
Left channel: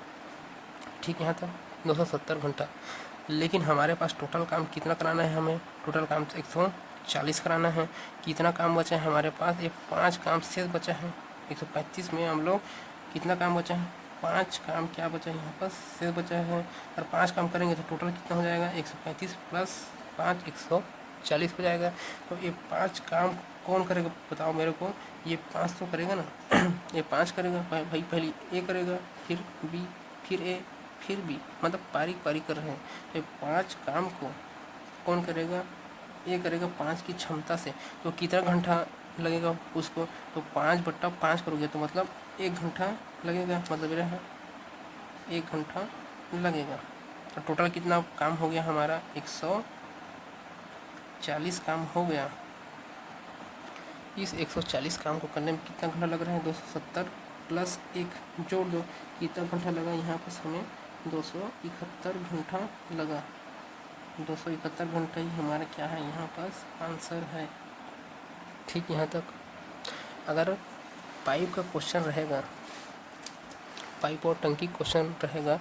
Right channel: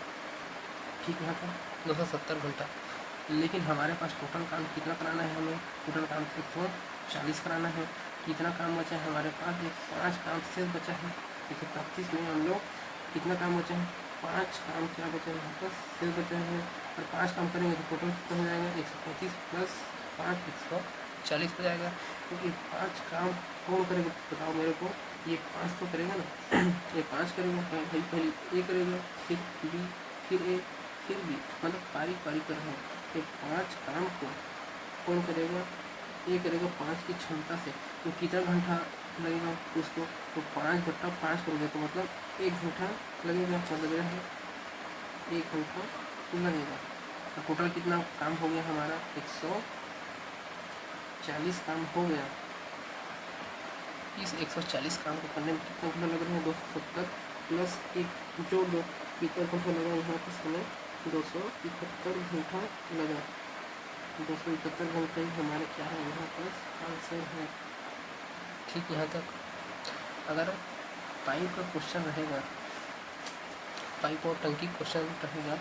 ठीक है, यहाँ तक 270 घंटा। लेकिन हमारे पास टोटल काम कितना कराना है, हमें टोटल काम 140 कराना है। कितना काम बचा है हमारे पास, एक 5 काम शेष बचा है। 135 में हम लोग कितना काम बचा है, 5 काम क्या बचा है, यहाँ पर शेष बचा है। और 5 काम करेंगे तो टोटल कितना हो जाएगा, 135 प्लस 5 140 हो जाएगा। तो ये 5 काम कौन करेगा बताओ मेरे को, ये 5 तो करेगा ना ये 5 करेगा भाई, पहले ए करेगा, फिर बी, फिर ए, फिर बी, मतलब पारी कर रहे हैं। ये 5 काम को कौन करेगा, ये करेगा 5 की क्षमता से। तो कितना घंटा लगेगा उसको, तो 5/5 करोगे तो मतलब 1 घंटा लगेगा, मतलब मेरा 1 घंटा लगेगा। तो टोटल कितना काम हो गया हमारा, 140 काम हो गया। इस 140 काम को करने में कितना घंटा लग रहा है, 270 प्लस 1 जोड़ दो, कितना घंटा लगा, यहाँ पर हमें 271 घंटा लगा। 271 घंटे ही हमारा क्या है, यहाँ पर आंसर है। ठीक, यहाँ तक अगर पाइप का क्वेश्चन रहेगा, पाइप और टंकी क्वेश्चन रहेगा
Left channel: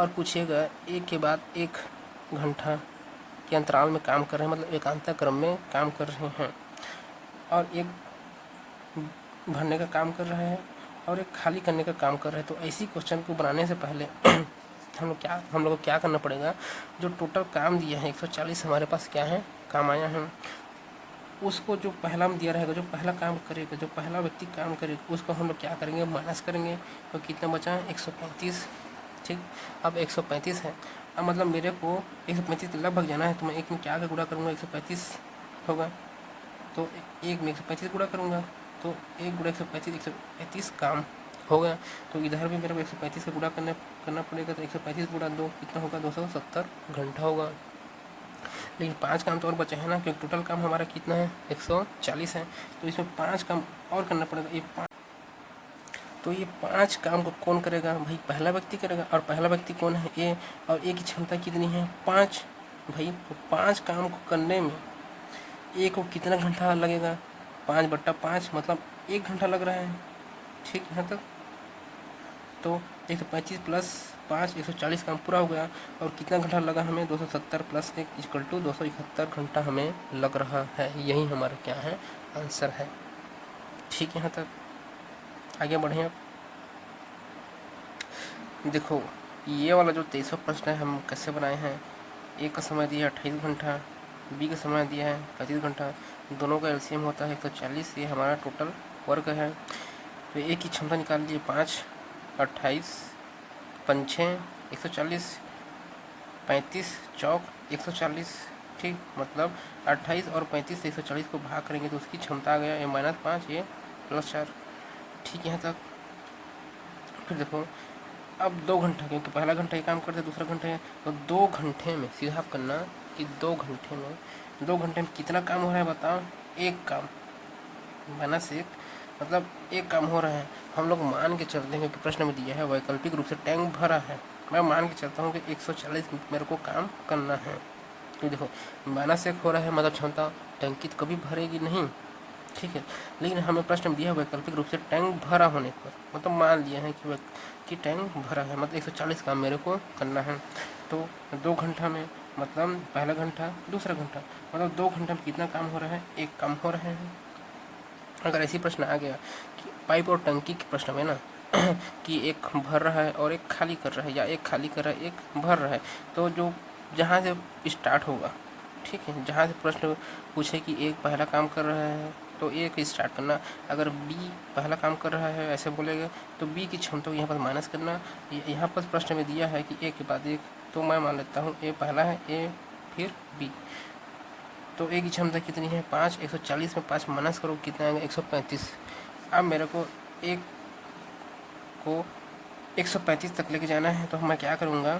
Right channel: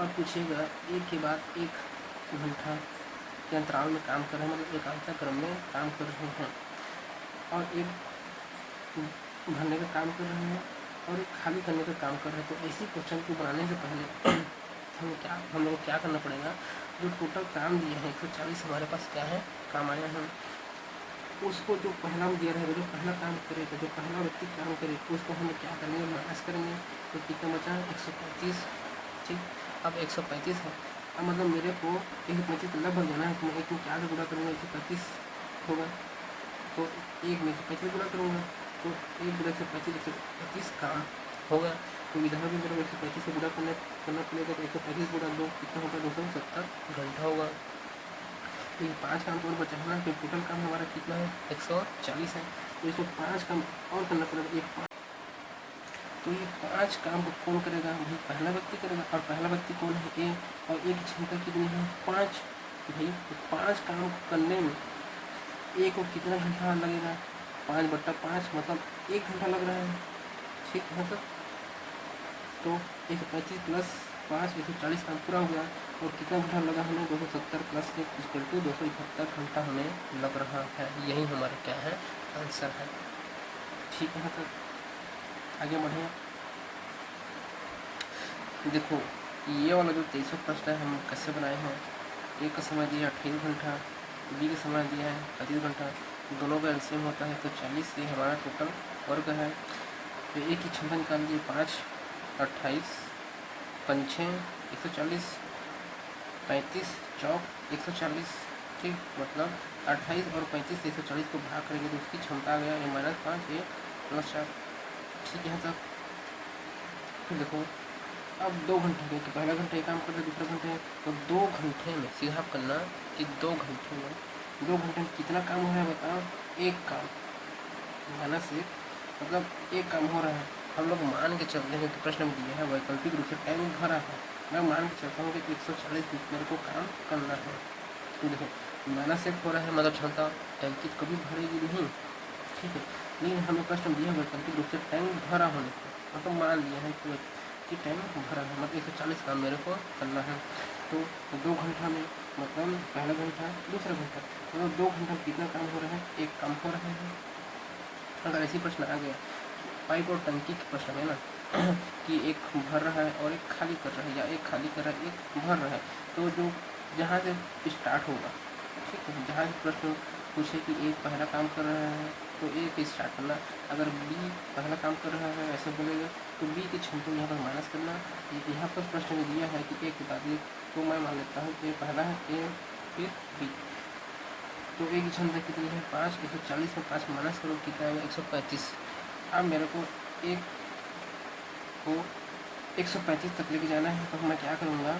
और पूछेगा एक के बाद एक घंटा के अंतराल में काम कर रहे हैं, मतलब एकांतर क्रम में काम कर रहे हैं, और एक भरने का काम कर रहे हैं और एक खाली करने का काम कर रहे हैं, तो ऐसी क्वेश्चन को बनाने से पहले हम लोग को क्या करना पड़ेगा, जो टोटल काम दिया है 140 हमारे पास क्या है, काम आया है, उसको जो पहला में दिया रहेगा, जो पहला काम करेगा, जो पहला व्यक्ति काम करेगा, उसको हम लोग क्या करेंगे, माइनस करेंगे। तो कितना बचा है, 135। ठीक, अब 135 है, अब मतलब मेरे को 135 लगभग जाना है, तो मैं एक में क्या गुणा करूँगा, 135 होगा, तो एक में 135 गुणा करूँगा, तो 1 गुणा 135 काम हो गया। तो इधर भी मेरे को 135 से गुणा करना पड़ेगा, तो 135 गुणा 2 कितना होगा, 270 घंटा होगा। लेकिन 5 काम तो और बचा है ना, क्योंकि टोटल काम हमारा कितना है, 140 है, तो इसमें 5 काम और करना पड़ेगा। ये तो ये 5 काम को कौन करेगा भाई? पहला व्यक्ति करेगा। और पहला व्यक्ति कौन है? ए। और ए की क्षमता कितनी है? 5 भाई। तो 5 काम को करने में ए को कितना घंटा लगेगा? 5/5 मतलब 1 घंटा लग रहा है। ठीक है तो 135 प्लस 5 140 काम पूरा हो गया। और कितना घंटा लगा हमें? 270 प्लस 1 इक्वल टू 271 घंटा हमें लग रहा है। यही हमारा क्या है? आंसर है। ठीक है, यहाँ तक आगे बढ़े। देखो ये वाला जो 23वां प्रश्न है हम कैसे बनाए हैं। ए का समय दिया है 28 घंटा, बी का समय दिया है 35 घंटा, दोनों का एलसीएम होता है 140। ये हमारा टोटल वर्क है। तो ए की क्षमता निकाल लीजिए 5 28 5 140 35 चौक 140। ठीक, मतलब 28 और 35 से 140 को भाग करेंगे तो उसकी क्षमता आ गया ए -5 ए +4। ठीक है, यहाँ तक। फिर देखो अब 2 घंटे क्योंकि पहला घंटा ही काम करते दूसरा घंटे है तो 2 घंटे में सीधा आप करना कि 2 घंटे में कितना काम हो रहा है बताओ? एक काम -1 मतलब एक काम हो रहा है। हम लोग मान के चलते हैं क्योंकि प्रश्न में दिया है वैकल्पिक रूप से टैंक भरा है। मैं मान के चलता हूँ कि 140 मिनट मेरे को काम करना है। तो देखो -1 हो रहा है मतलब क्षमता टैंकी तो कभी भरेगी नहीं। ठीक है, लेकिन हमें प्रश्न में दिया है वैकल्पिक रूप से टैंक भरा होने पर मतलब मान लिया है कि टैंक भरा है मतलब 140 काम मेरे को करना है। तो 2 घंटा में मतलब पहला घंटा दूसरा घंटा मतलब 2 घंटा में कितना काम हो रहा है? एक काम हो रहा है। अगर ऐसी प्रश्न आ गया कि पाइप और टंकी के प्रश्न में ना कि एक भर रहा है और एक खाली कर रहा है या एक खाली कर रहा है एक भर रहा है, तो जो जहाँ से स्टार्ट होगा, ठीक है, जहाँ से प्रश्न पूछे कि एक पहला काम कर रहा है तो एक स्टार्ट करना। अगर बी पहला काम कर रहा है ऐसे बोलेगा तो बी की क्षमता को यहाँ पर माइनस करना। यहाँ पर प्रश्न में दिया है कि एक के बाद एक, तो मैं मान लेता हूँ ए पहला है ए फिर बी। तो ए की क्षमता कितनी है? 5 140 में 5 माइनस करो कितना आएगा? 135। अब मेरे को एक को 135 तक लेके जाना है तो मैं क्या करूँगा?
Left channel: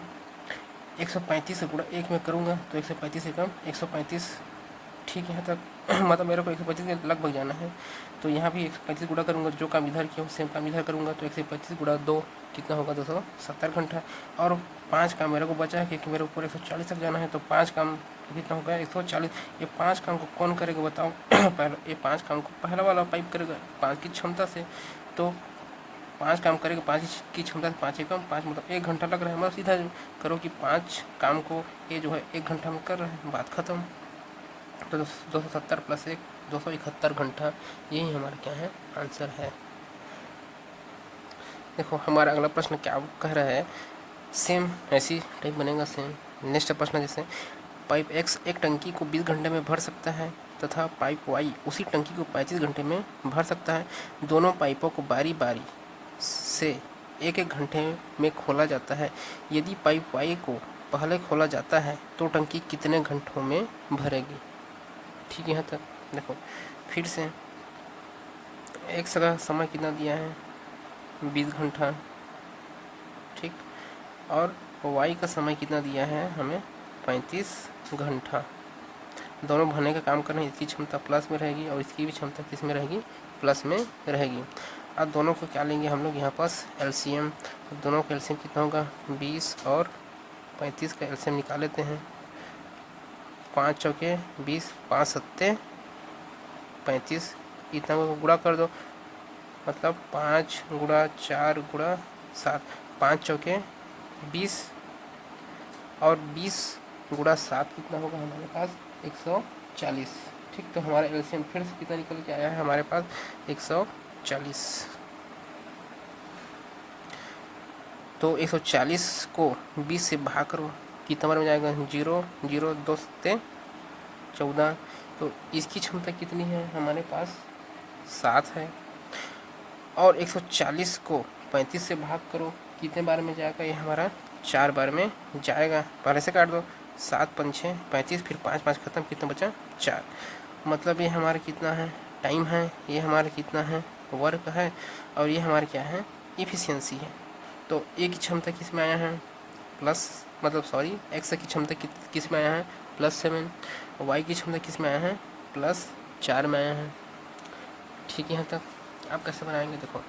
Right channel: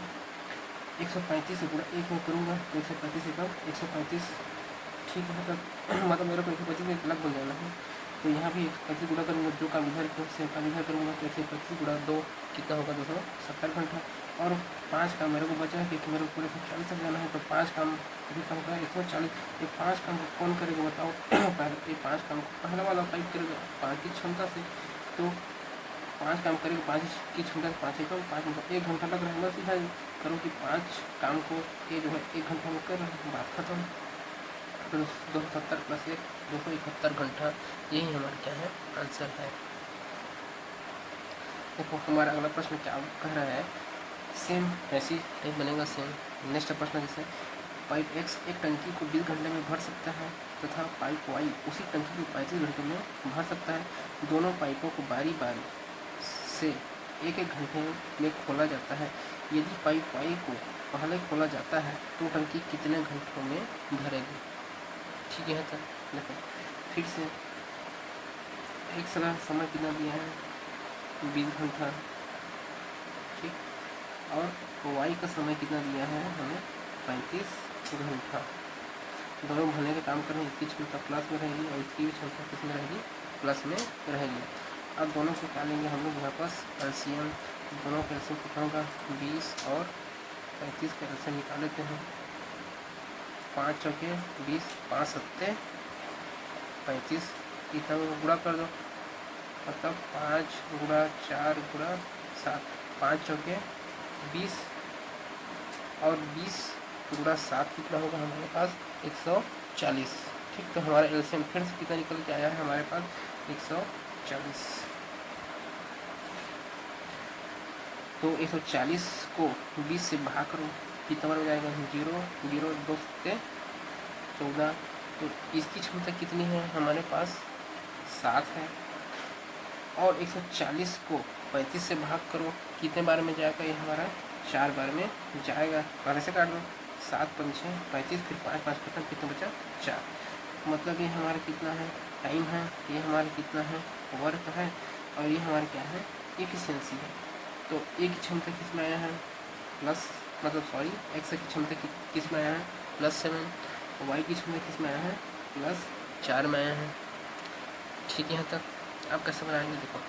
135 से गुणा 1 में करूँगा तो 135 से कम 135। ठीक है, तब मतलब मेरे को 125 के लगभग जाना है तो यहाँ भी 135 गुणा करूँगा, जो काम इधर किया सेम काम इधर करूँगा तो 125 गुणा 2 कितना होगा? 270 घंटा। और 5 काम मेरे को बचा है क्योंकि मेरे को 140 तक जाना है तो 5 काम कितना होगा? 140। ये 5 काम को कौन करेगा बताओ? ये 5 काम को पहला वाला पाइप करेगा 5 की क्षमता से। तो 5 काम करेगा 5 की क्षमता से 5 कम 5 मतलब 1 घंटा लग रहा है। बस सीधा करो कि 5 काम को ये जो है 1 घंटा में कर रहा है, बात खत्म। तो 270 प्लस 1 271 घंटा, यही हमारा क्या है? आंसर है। देखो हमारा अगला प्रश्न क्या कह रहा है, सेम ऐसी टाइप बनेगा सेम। नेक्स्ट प्रश्न जैसे पाइप एक्स एक टंकी को 20 घंटे में भर सकता है तथा पाइप वाई उसी टंकी को 35 घंटे में भर सकता है। दोनों पाइपों को बारी बारी से एक एक घंटे में खोला जाता है। यदि पाइप वाई को पहले खोला जाता है तो टंकी कितने घंटों में भरेगी? ठीक है, तो देखो फिर से एक जगह समय कितना दिया है? 20 घंटा। ठीक, और वाई का समय कितना दिया है हमें? 35 घंटा। दोनों भरने का काम कर रहे हैं। इसकी क्षमता प्लस में रहेगी और इसकी भी क्षमता किस में रहेगी? प्लस में रहेगी। अब दोनों को क्या लेंगे हम लोग? यहाँ पास एलसीएम। दोनों का एलसीएम कितना होगा? 20 और 35 का एलसीएम निकाल लेते हैं। 5 चौके 20 5 सत्ते 35, इतना को गुणा कर दो मतलब 5 गुणा 4 गुणा 7, 5 चौके 20 और 20 गुणा 7 कितना होगा हमारे पास? 140। ठीक, तो हमारा एलसीएम फिर से कितना निकल के आया है हमारे पास? 140। तो 140 को 20 से भाग करो कितना बार में जाएगा? 0 0 2 सत्ते 14। तो इसकी क्षमता कितनी है हमारे पास? 7 है। और 140 को 35 से भाग करो कितने बार में जाएगा? ये हमारा 4 बार में जाएगा। पहले से काट दो 7 5 6 35 फिर 5 5 खत्म, कितना बचा? 4। मतलब ये हमारा कितना है? टाइम है। ये हमारा कितना है? वर्क है। और ये हमारा क्या है? इफिशियंसी है। तो ए की क्षमता किस में आया है? प्लस मतलब सॉरी एक्स की क्षमता किस में आया है? +7। वाई की क्षमता किस में आया है? +4 में आया है। ठीक है, यहाँ तक आप कैसे बनाएंगे? देखो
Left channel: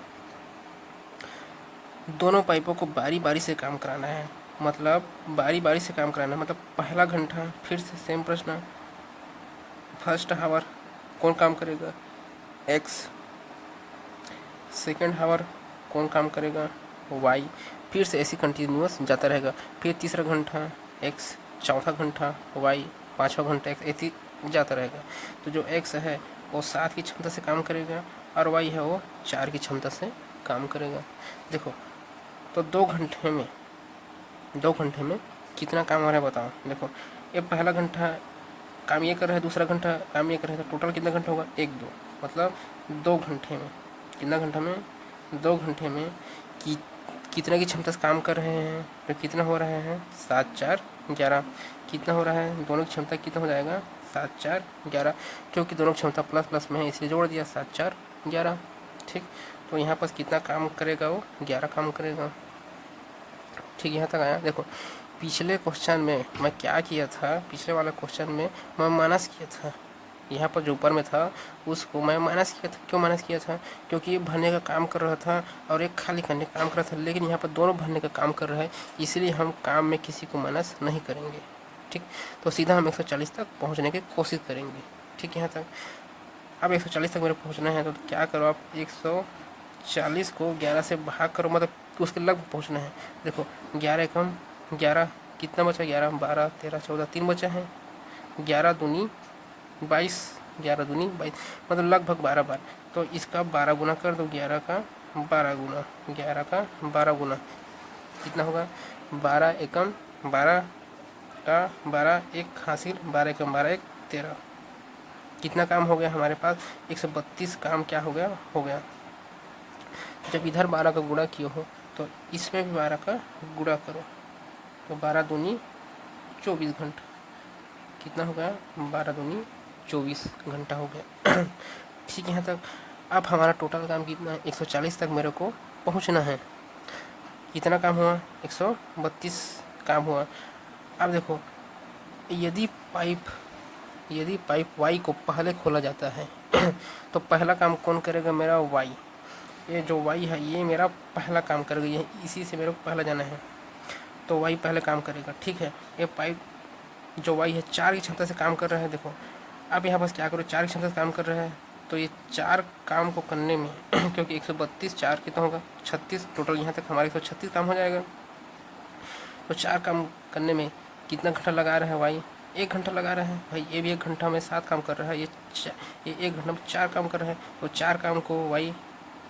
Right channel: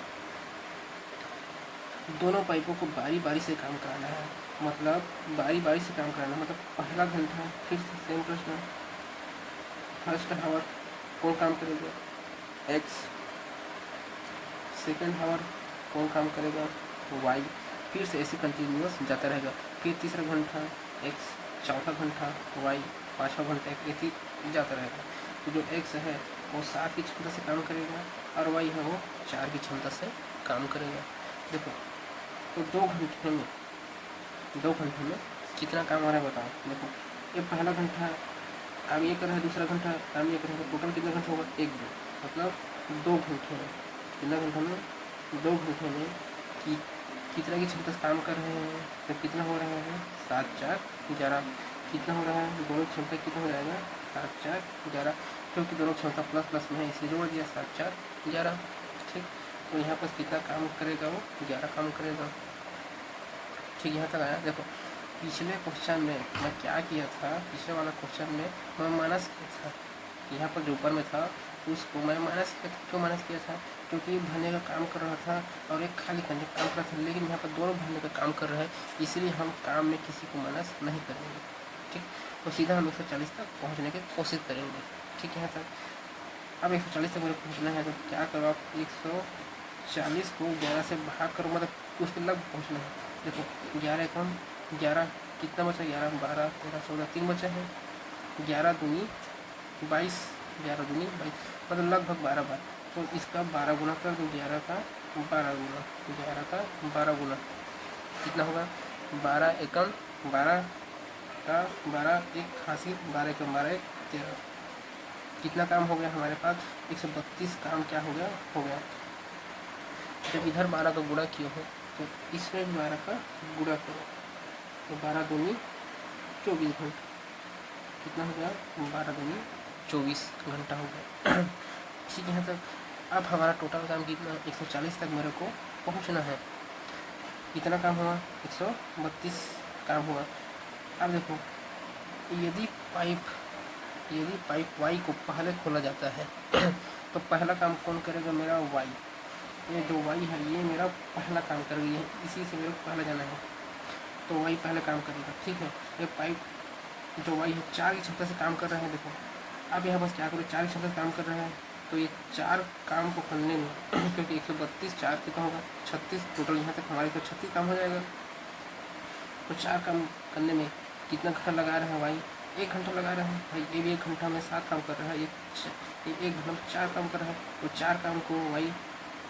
दोनों पाइपों को बारी बारी से काम कराना है, मतलब बारी बारी से काम कराना है। मतलब पहला घंटा फिर से सेम प्रश्न, फर्स्ट हावर कौन काम करेगा, एक्स। सेकेंड हावर कौन काम करेगा, वाई। फिर से ऐसे कंटिन्यूअस जाता रहेगा। फिर तीसरा घंटा एक्स, चौथा घंटा वाई, पाँचवा घंटा एक्स, ऐसे जाता रहेगा। तो जो एक्स है वो 7 की क्षमता से काम करेगा और वाई है वो 4 की क्षमता से काम करेगा। देखो तो 2 घंटे में कितना काम हो रहा है बताओ। देखो ये पहला घंटा काम ये कर रहा है, दूसरा घंटा काम ये कर रहा है, तो टोटल कितना घंटा होगा, 1 2, मतलब 2 घंटे में कितना घंटा में, 2 घंटे में कि कितना की क्षमता से काम कर रहे हैं। तो कितना हो रहा है, 7 4 11। कितना हो रहा है, दोनों की क्षमता कितना हो जाएगा, 7 4 11, क्योंकि दोनों क्षमता प्लस प्लस में है इसलिए जोड़ दिया, 7 4 11। ठीक, तो यहाँ पर कितना काम करेगा, वो 11 काम करेगा। ठीक, यहाँ तक आया। देखो पिछले क्वेश्चन में मैं क्या किया था, पिछले वाला क्वेश्चन में मैं माइनस किया था, यहाँ पर जो ऊपर में था उसको मैं माइनस किया था। क्यों माइनस किया था, क्योंकि ये भरने का काम कर रहा था और एक खाली करने का काम कर रहा था, लेकिन यहाँ पर दोनों भरने का काम कर रहा है, इसलिए हम काम में किसी को माइनस नहीं करेंगे। ठीक, तो सीधा हम 140 तक पहुँचने की कोशिश करेंगे। ठीक, यहाँ तक। अब 140 तक मेरे पहुँचना है, तो क्या करो आप, 140 को 11 से भाग करो, मतलब उसके लगभग पहुँचना है। देखो 11 कम 11, कितना बचा, 11 12 13 14, 3 बचा है। 11 दूनी 22, 11 दूनी 22, मतलब लगभग 12 बार। तो इसका 12 गुना कर दो, 11 का 12 गुना, 11 का 12 गुना कितना होगा, 12 एकम 12 का 12 एक हासिल, 12 एकम 12 एक 13। कितना काम हो गया हमारे पास, 132 काम क्या हो गया, हो गया। जब इधर 12 का गुणा किए हो तो इसमें भी 12 का गुणा करो, तो 12 दूनी 24 घंटा। कितना हो गया, 12 दूनी 24 घंटा हो गया। ठीक है, यहाँ तक। अब हमारा टोटल काम कितना है, 140 तक मेरे को पहुँचना है। कितना काम हुआ, 132 काम हुआ। अब देखो यदि पाइप वाई को पहले खोला जाता है तो पहला काम कौन करेगा, मेरा वाई। ये जो वाई है ये मेरा पहला काम करेगा, ये इसी से मेरे को पहला जाना है, तो वाई पहले काम करेगा। ठीक है, ये पाइप जो वाई है 4 की क्षमता से काम कर रहा है। देखो अब यहाँ बस क्या करो, 4 की क्षमता से काम कर रहा है, तो ये 4 काम को करने में क्योंकि 132 4 कितना होगा, 36, टोटल यहाँ तक हमारे 136 काम हो जाएगा। तो 4 काम करने में कितना घंटा लगा रहा है वाई, 1 घंटा लगा रहा है भाई। ये भी 1 घंटा में 7 काम कर रहा है, ये 1 घंटा में 4 काम कर रहा है, तो 4 काम को वाई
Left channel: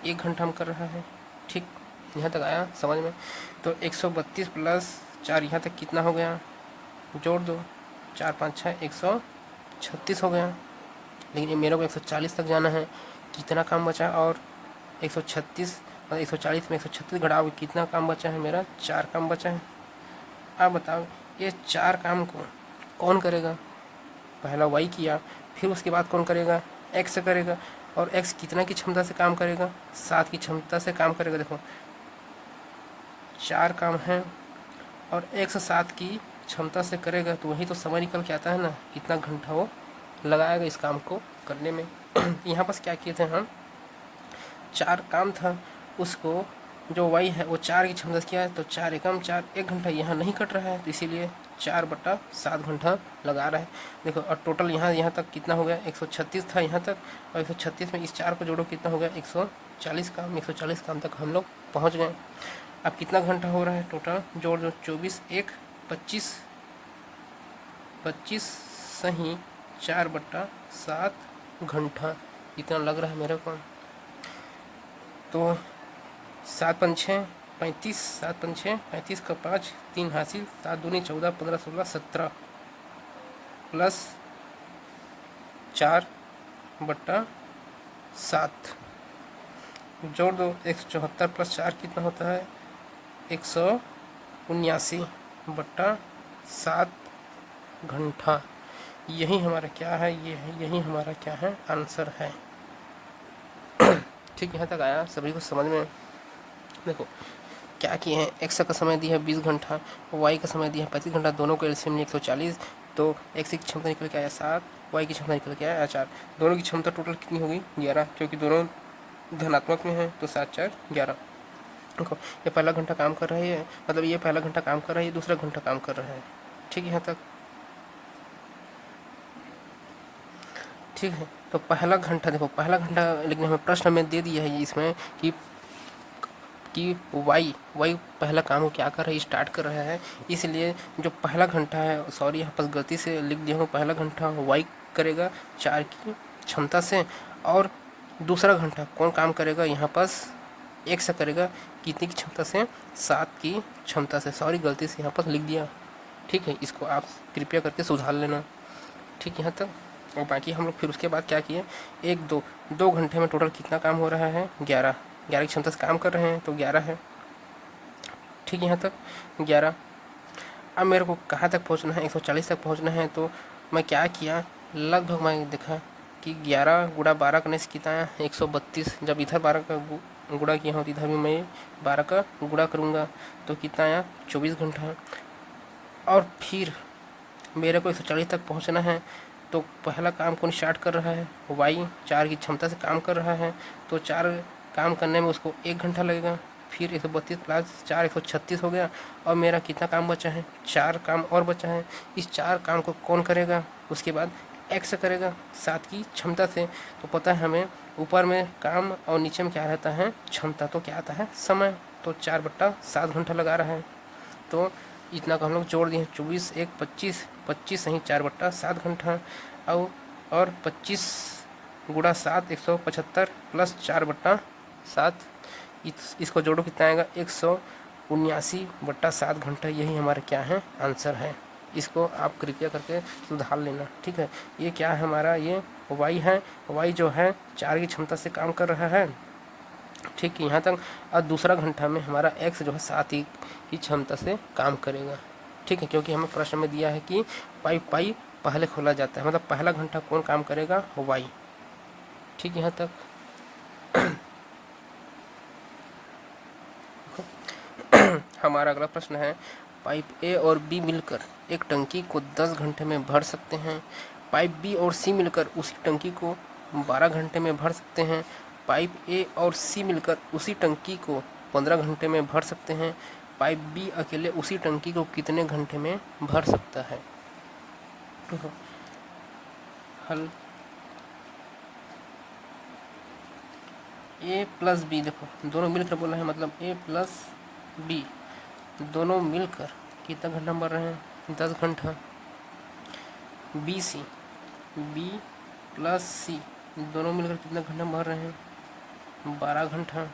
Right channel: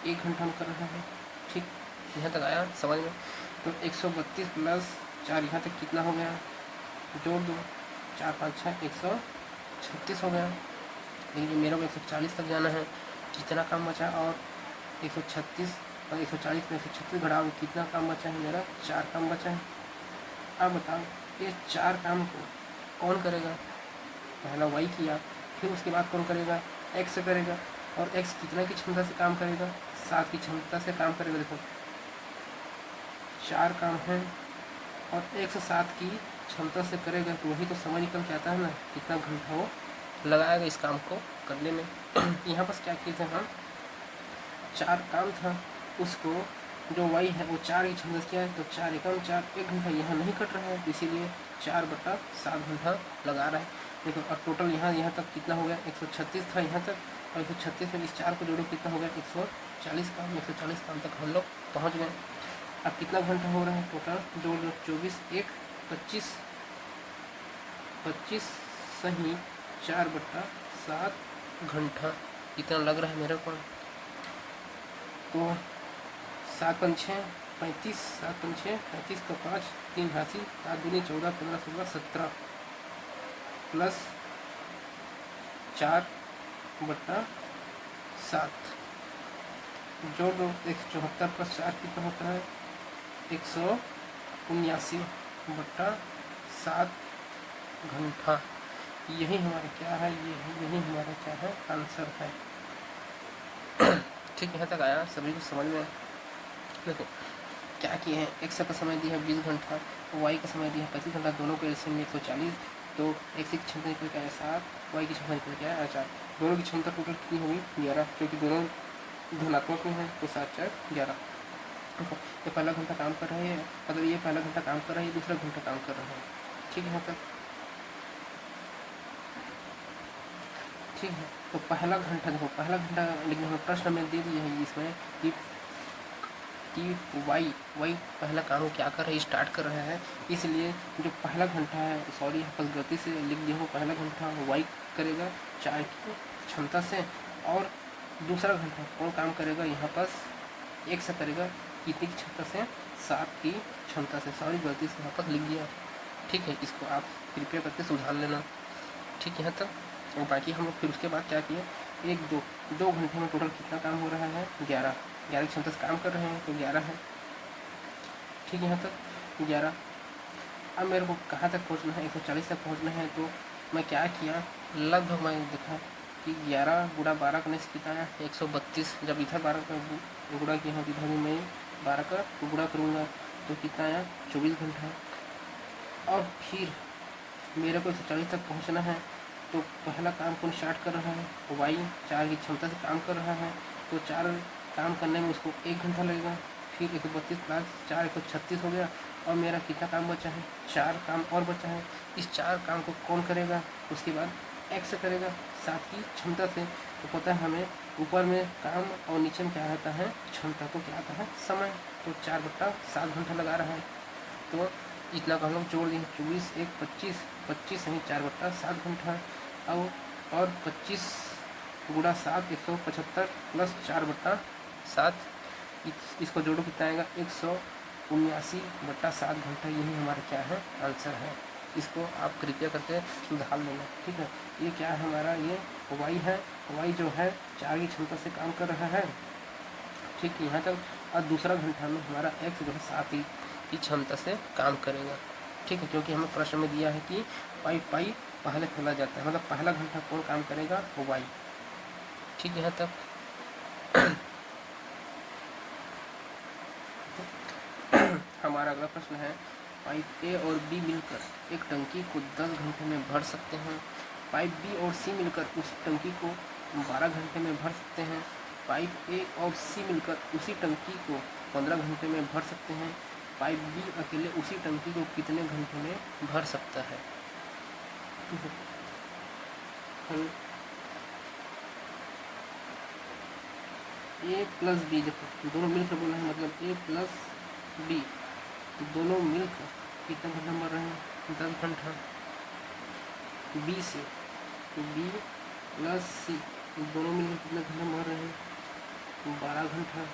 1 घंटा में कर रहा है। ठीक, यहाँ तक आया समझ में। तो 132 प्लस 4 यहाँ तक कितना हो गया, जोड़ दो, 4 5 6 136 हो गया। लेकिन ये मेरे को 140 तक जाना है, कितना काम बचा, और 136 और 140 में 136 घटाओ, कितना काम बचा है मेरा, 4 काम बचा है। अब बताओ ये 4 काम को कौन करेगा, पहला वाई किया, फिर उसके बाद कौन करेगा, एक्स करेगा। और एक्स कितना की क्षमता से काम करेगा, 7 की क्षमता से काम करेगा। देखो 4 काम हैं और 107 की क्षमता से करेगा, तो वही तो समय निकल के आता है ना, कितना घंटा वो लगाएगा इस काम को करने में। यहाँ पर क्या किए थे हम, 4 काम था, उसको जो वाई है वो 4 की क्षमता से किया है, तो 4 एकम 4, 1 घंटा यहाँ नहीं कट रहा है, तो इसीलिए 4/7 घंटा लगा रहा है। देखो और टोटल यहाँ तक कितना हो गया, 136 था यहाँ तक, और 136 में इस 4 को जोड़ो कितना हो गया, 140 काम। 140 काम तक हम लोग पहुँच गए। अब कितना घंटा हो रहा है टोटल, जोड़ दो, 24 1 25 25 सही 4/7 घंटा इतना लग रहा है मेरे को। तो 7 5 6 35, 7 5 6 35 का 5 3 हासिल, 7 दूनी 14 15 16 17 प्लस 4/7 जोड़ दो, 174 प्लस 4 कितना होता है, 179/7 घंटा। यही हमारा क्या है, यही हमारा क्या है, आंसर है। ठीक, यहाँ तक आया, सभी को समझ में। देखो क्या किए हैं, एक्स का समय दिया है 20 घंटा, वाई का समय दिया है 35 घंटा, दोनों को एलसीएम में 140, तो एक्स की क्षमता निकल के आया 7, वाई की क्षमता निकल के आया 4। दोनों की क्षमता टोटल कितनी होगी, 11, क्योंकि दोनों धनात्मक में है, तो 7 4 11। देखो ये पहला घंटा काम कर रहा है, मतलब ये पहला घंटा काम कर रहा है, ये दूसरा घंटा काम कर रहा है। ठीक है यहाँ तक? ठीक है, तो पहला घंटा देखो, पहला घंटा लेकिन हमें प्रश्न में दे दिया है इसमें कि वाई पहला काम को क्या कर रहा है, स्टार्ट कर रहा है। इसलिए जो पहला घंटा है, सॉरी यहाँ पर गलती से लिख दिया हूँ, पहला घंटा वाई करेगा 4 की क्षमता से, और दूसरा घंटा कौन काम करेगा यहाँ पास एक से करेगा, कितनी की क्षमता से, 7 की क्षमता से। सॉरी गलती से यहाँ पर लिख दिया। ठीक है, इसको आप कृपया करके सुधार लेना। ठीक है यहाँ तक। और बाकी हम लोग फिर उसके बाद क्या किए, एक दो घंटे में टोटल कितना काम हो रहा है, 11 की क्षमता से काम कर रहे हैं, तो 11 है। ठीक है यहाँ तक 11। अब मेरे को कहाँ तक पहुँचना है, 140 तक पहुँचना है। तो मैं क्या किया, लगभग मैं देखा कि 11 गुणा 12 करने से कितना है, 132। जब इधर 12 का गुणा किया हूँ तो इधर भी मैं 12 का गुणा करूँगा, तो कितना आया, 24 घंटा है। और फिर मेरे को 140 तक पहुँचना है, तो पहला काम कौन स्टार्ट कर रहा है, वाई 4 की क्षमता से काम कर रहा है, तो 4 काम करने में उसको 1 घंटा लगेगा। फिर 132 प्लस 4 136 हो गया, और मेरा कितना काम बचा है, 4 काम और बचा है। इस 4 काम को कौन करेगा, उसके बाद एक्स करेगा 7 की क्षमता से। तो पता है हमें ऊपर में काम और नीचे में क्या रहता है, क्षमता, तो क्या आता है, समय। तो 4/7 घंटा लगा रहा है। तो इतना को हम लोग जोड़ दिए, 24 1 25, 25 सही 4/7 घंटा, और 25 गुणा 7 175 प्लस 4/7, इसको जोड़ो कितना आएगा, 179/7 घंटा। यही हमारा क्या है, आंसर है। इसको आप कृपया करके सुधार लेना। ठीक है, ये क्या है हमारा, ये वाई है। वाई जो है 4 की क्षमता से काम कर रहा है। ठीक है यहाँ तक। और दूसरा घंटा में हमारा एक्स जो है 7 की क्षमता से काम करेगा। ठीक है, क्योंकि हमें प्रश्न में दिया है कि पाई पहले खोला जाता है, मतलब पहला घंटा कौन काम करेगा, वाई। ठीक है यहाँ तक। हमारा अगला प्रश्न है, पाइप ए और बी मिलकर एक टंकी को 10 घंटे में भर सकते हैं। पाइप बी और सी मिलकर उसी टंकी को 12 घंटे में भर सकते हैं। पाइप ए और सी मिलकर उसी टंकी को 15 घंटे में भर सकते हैं। पाइप बी अकेले उसी टंकी को कितने घंटे में भर सकता है। हेलो, ए प्लस बी, देखो दोनों मिलकर बोला है, मतलब ए प्लस बी दोनों मिलकर कितना घंटा भर रहे हैं, 10 घंटा। बी सी, बी प्लस सी दोनों मिलकर कितना घंटा भर रहे हैं, 12 घंटा।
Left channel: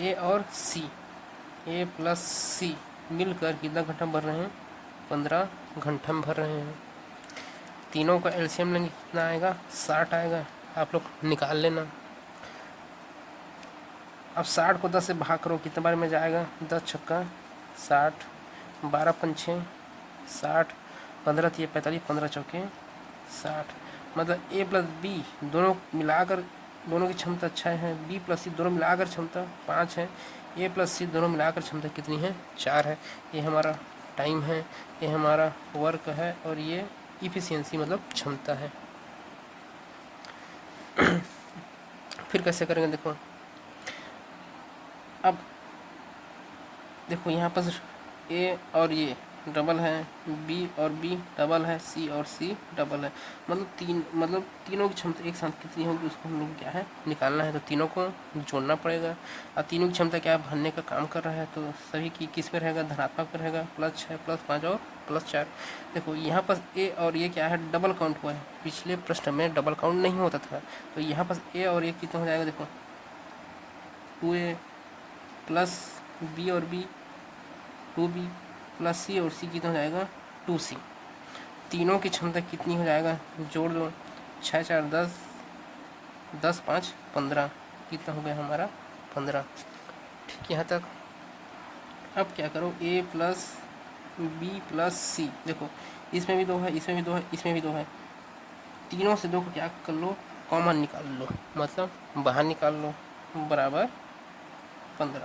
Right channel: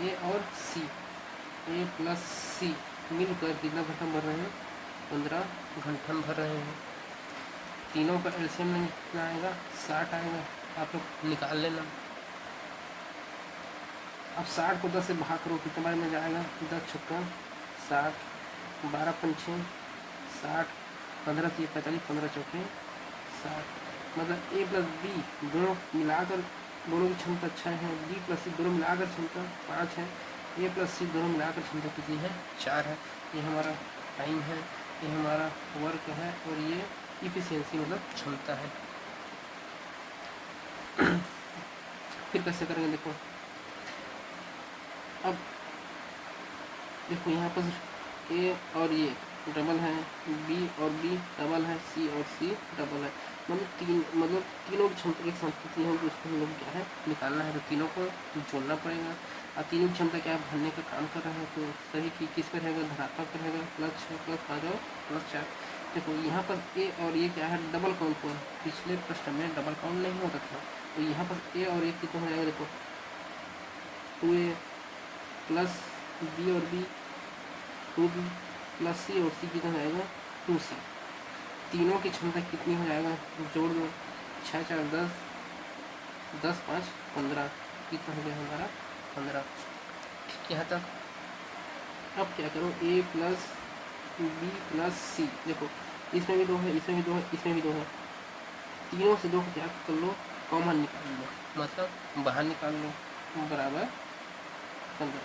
ए और सी, ए प्लस सी मिलकर कितना घंटा भर रहे हैं, 15 घंटा में भर रहे हैं। तीनों का एलसीएम में कितना आएगा, 60 आएगा। आप लोग निकाल लेना। अब 60 को 10 से भाग करो, कितने बार में जाएगा, 10 छक्का 60, 12 पंछे 60, 15 3 45, 15 चौके 60। मतलब ए प्लस बी दोनों मिलाकर, दोनों की क्षमता 6 है। बी प्लस सी दोनों मिलाकर क्षमता 5 है। ए प्लस सी दोनों मिलाकर क्षमता कितनी है, 4 है। ये हमारा टाइम है, ये हमारा वर्क है, और ये इफिशियंसी मतलब क्षमता है। फिर कैसे करेंगे, देखो अब देखो यहाँ पर ए और ये डबल है, बी और बी डबल है, सी और सी डबल है। मतलब तीनों की क्षमता एक साथ कितनी होगी, उसको हम लोग क्या है, निकालना है। तो तीनों को जोड़ना पड़ेगा। और तीनों की क्षमता क्या है, भरने का काम कर रहा है। तो सभी की किस पे रहेगा, धनात्मक पे रहेगा, +6 +5 और +4। देखो यहाँ पर ए और ये क्या है, डबल काउंट हुआ है। पिछले प्रश्न में डबल काउंट नहीं होता था, तो यहाँ पर ए और ए कितना हो जाएगा, देखो 2a प्लस बी और बी 2b प्लस सी और सी कितना हो जाएगा, 2c। तीनों की क्षमता कितनी हो जाएगा, जोड़ दो, 6 4 10, 10 5 15, कितना हो गया हमारा, 15। ठीक है यहाँ तक। अब क्या करो, a प्लस बी प्लस सी, देखो इसमें भी 2 है, इसमें भी 2 है, इसमें भी 2 है। तीनों से 2 को क्या कर लो, कॉमन निकाल लो, मतलब बाहर निकाल लो, बराबर 15।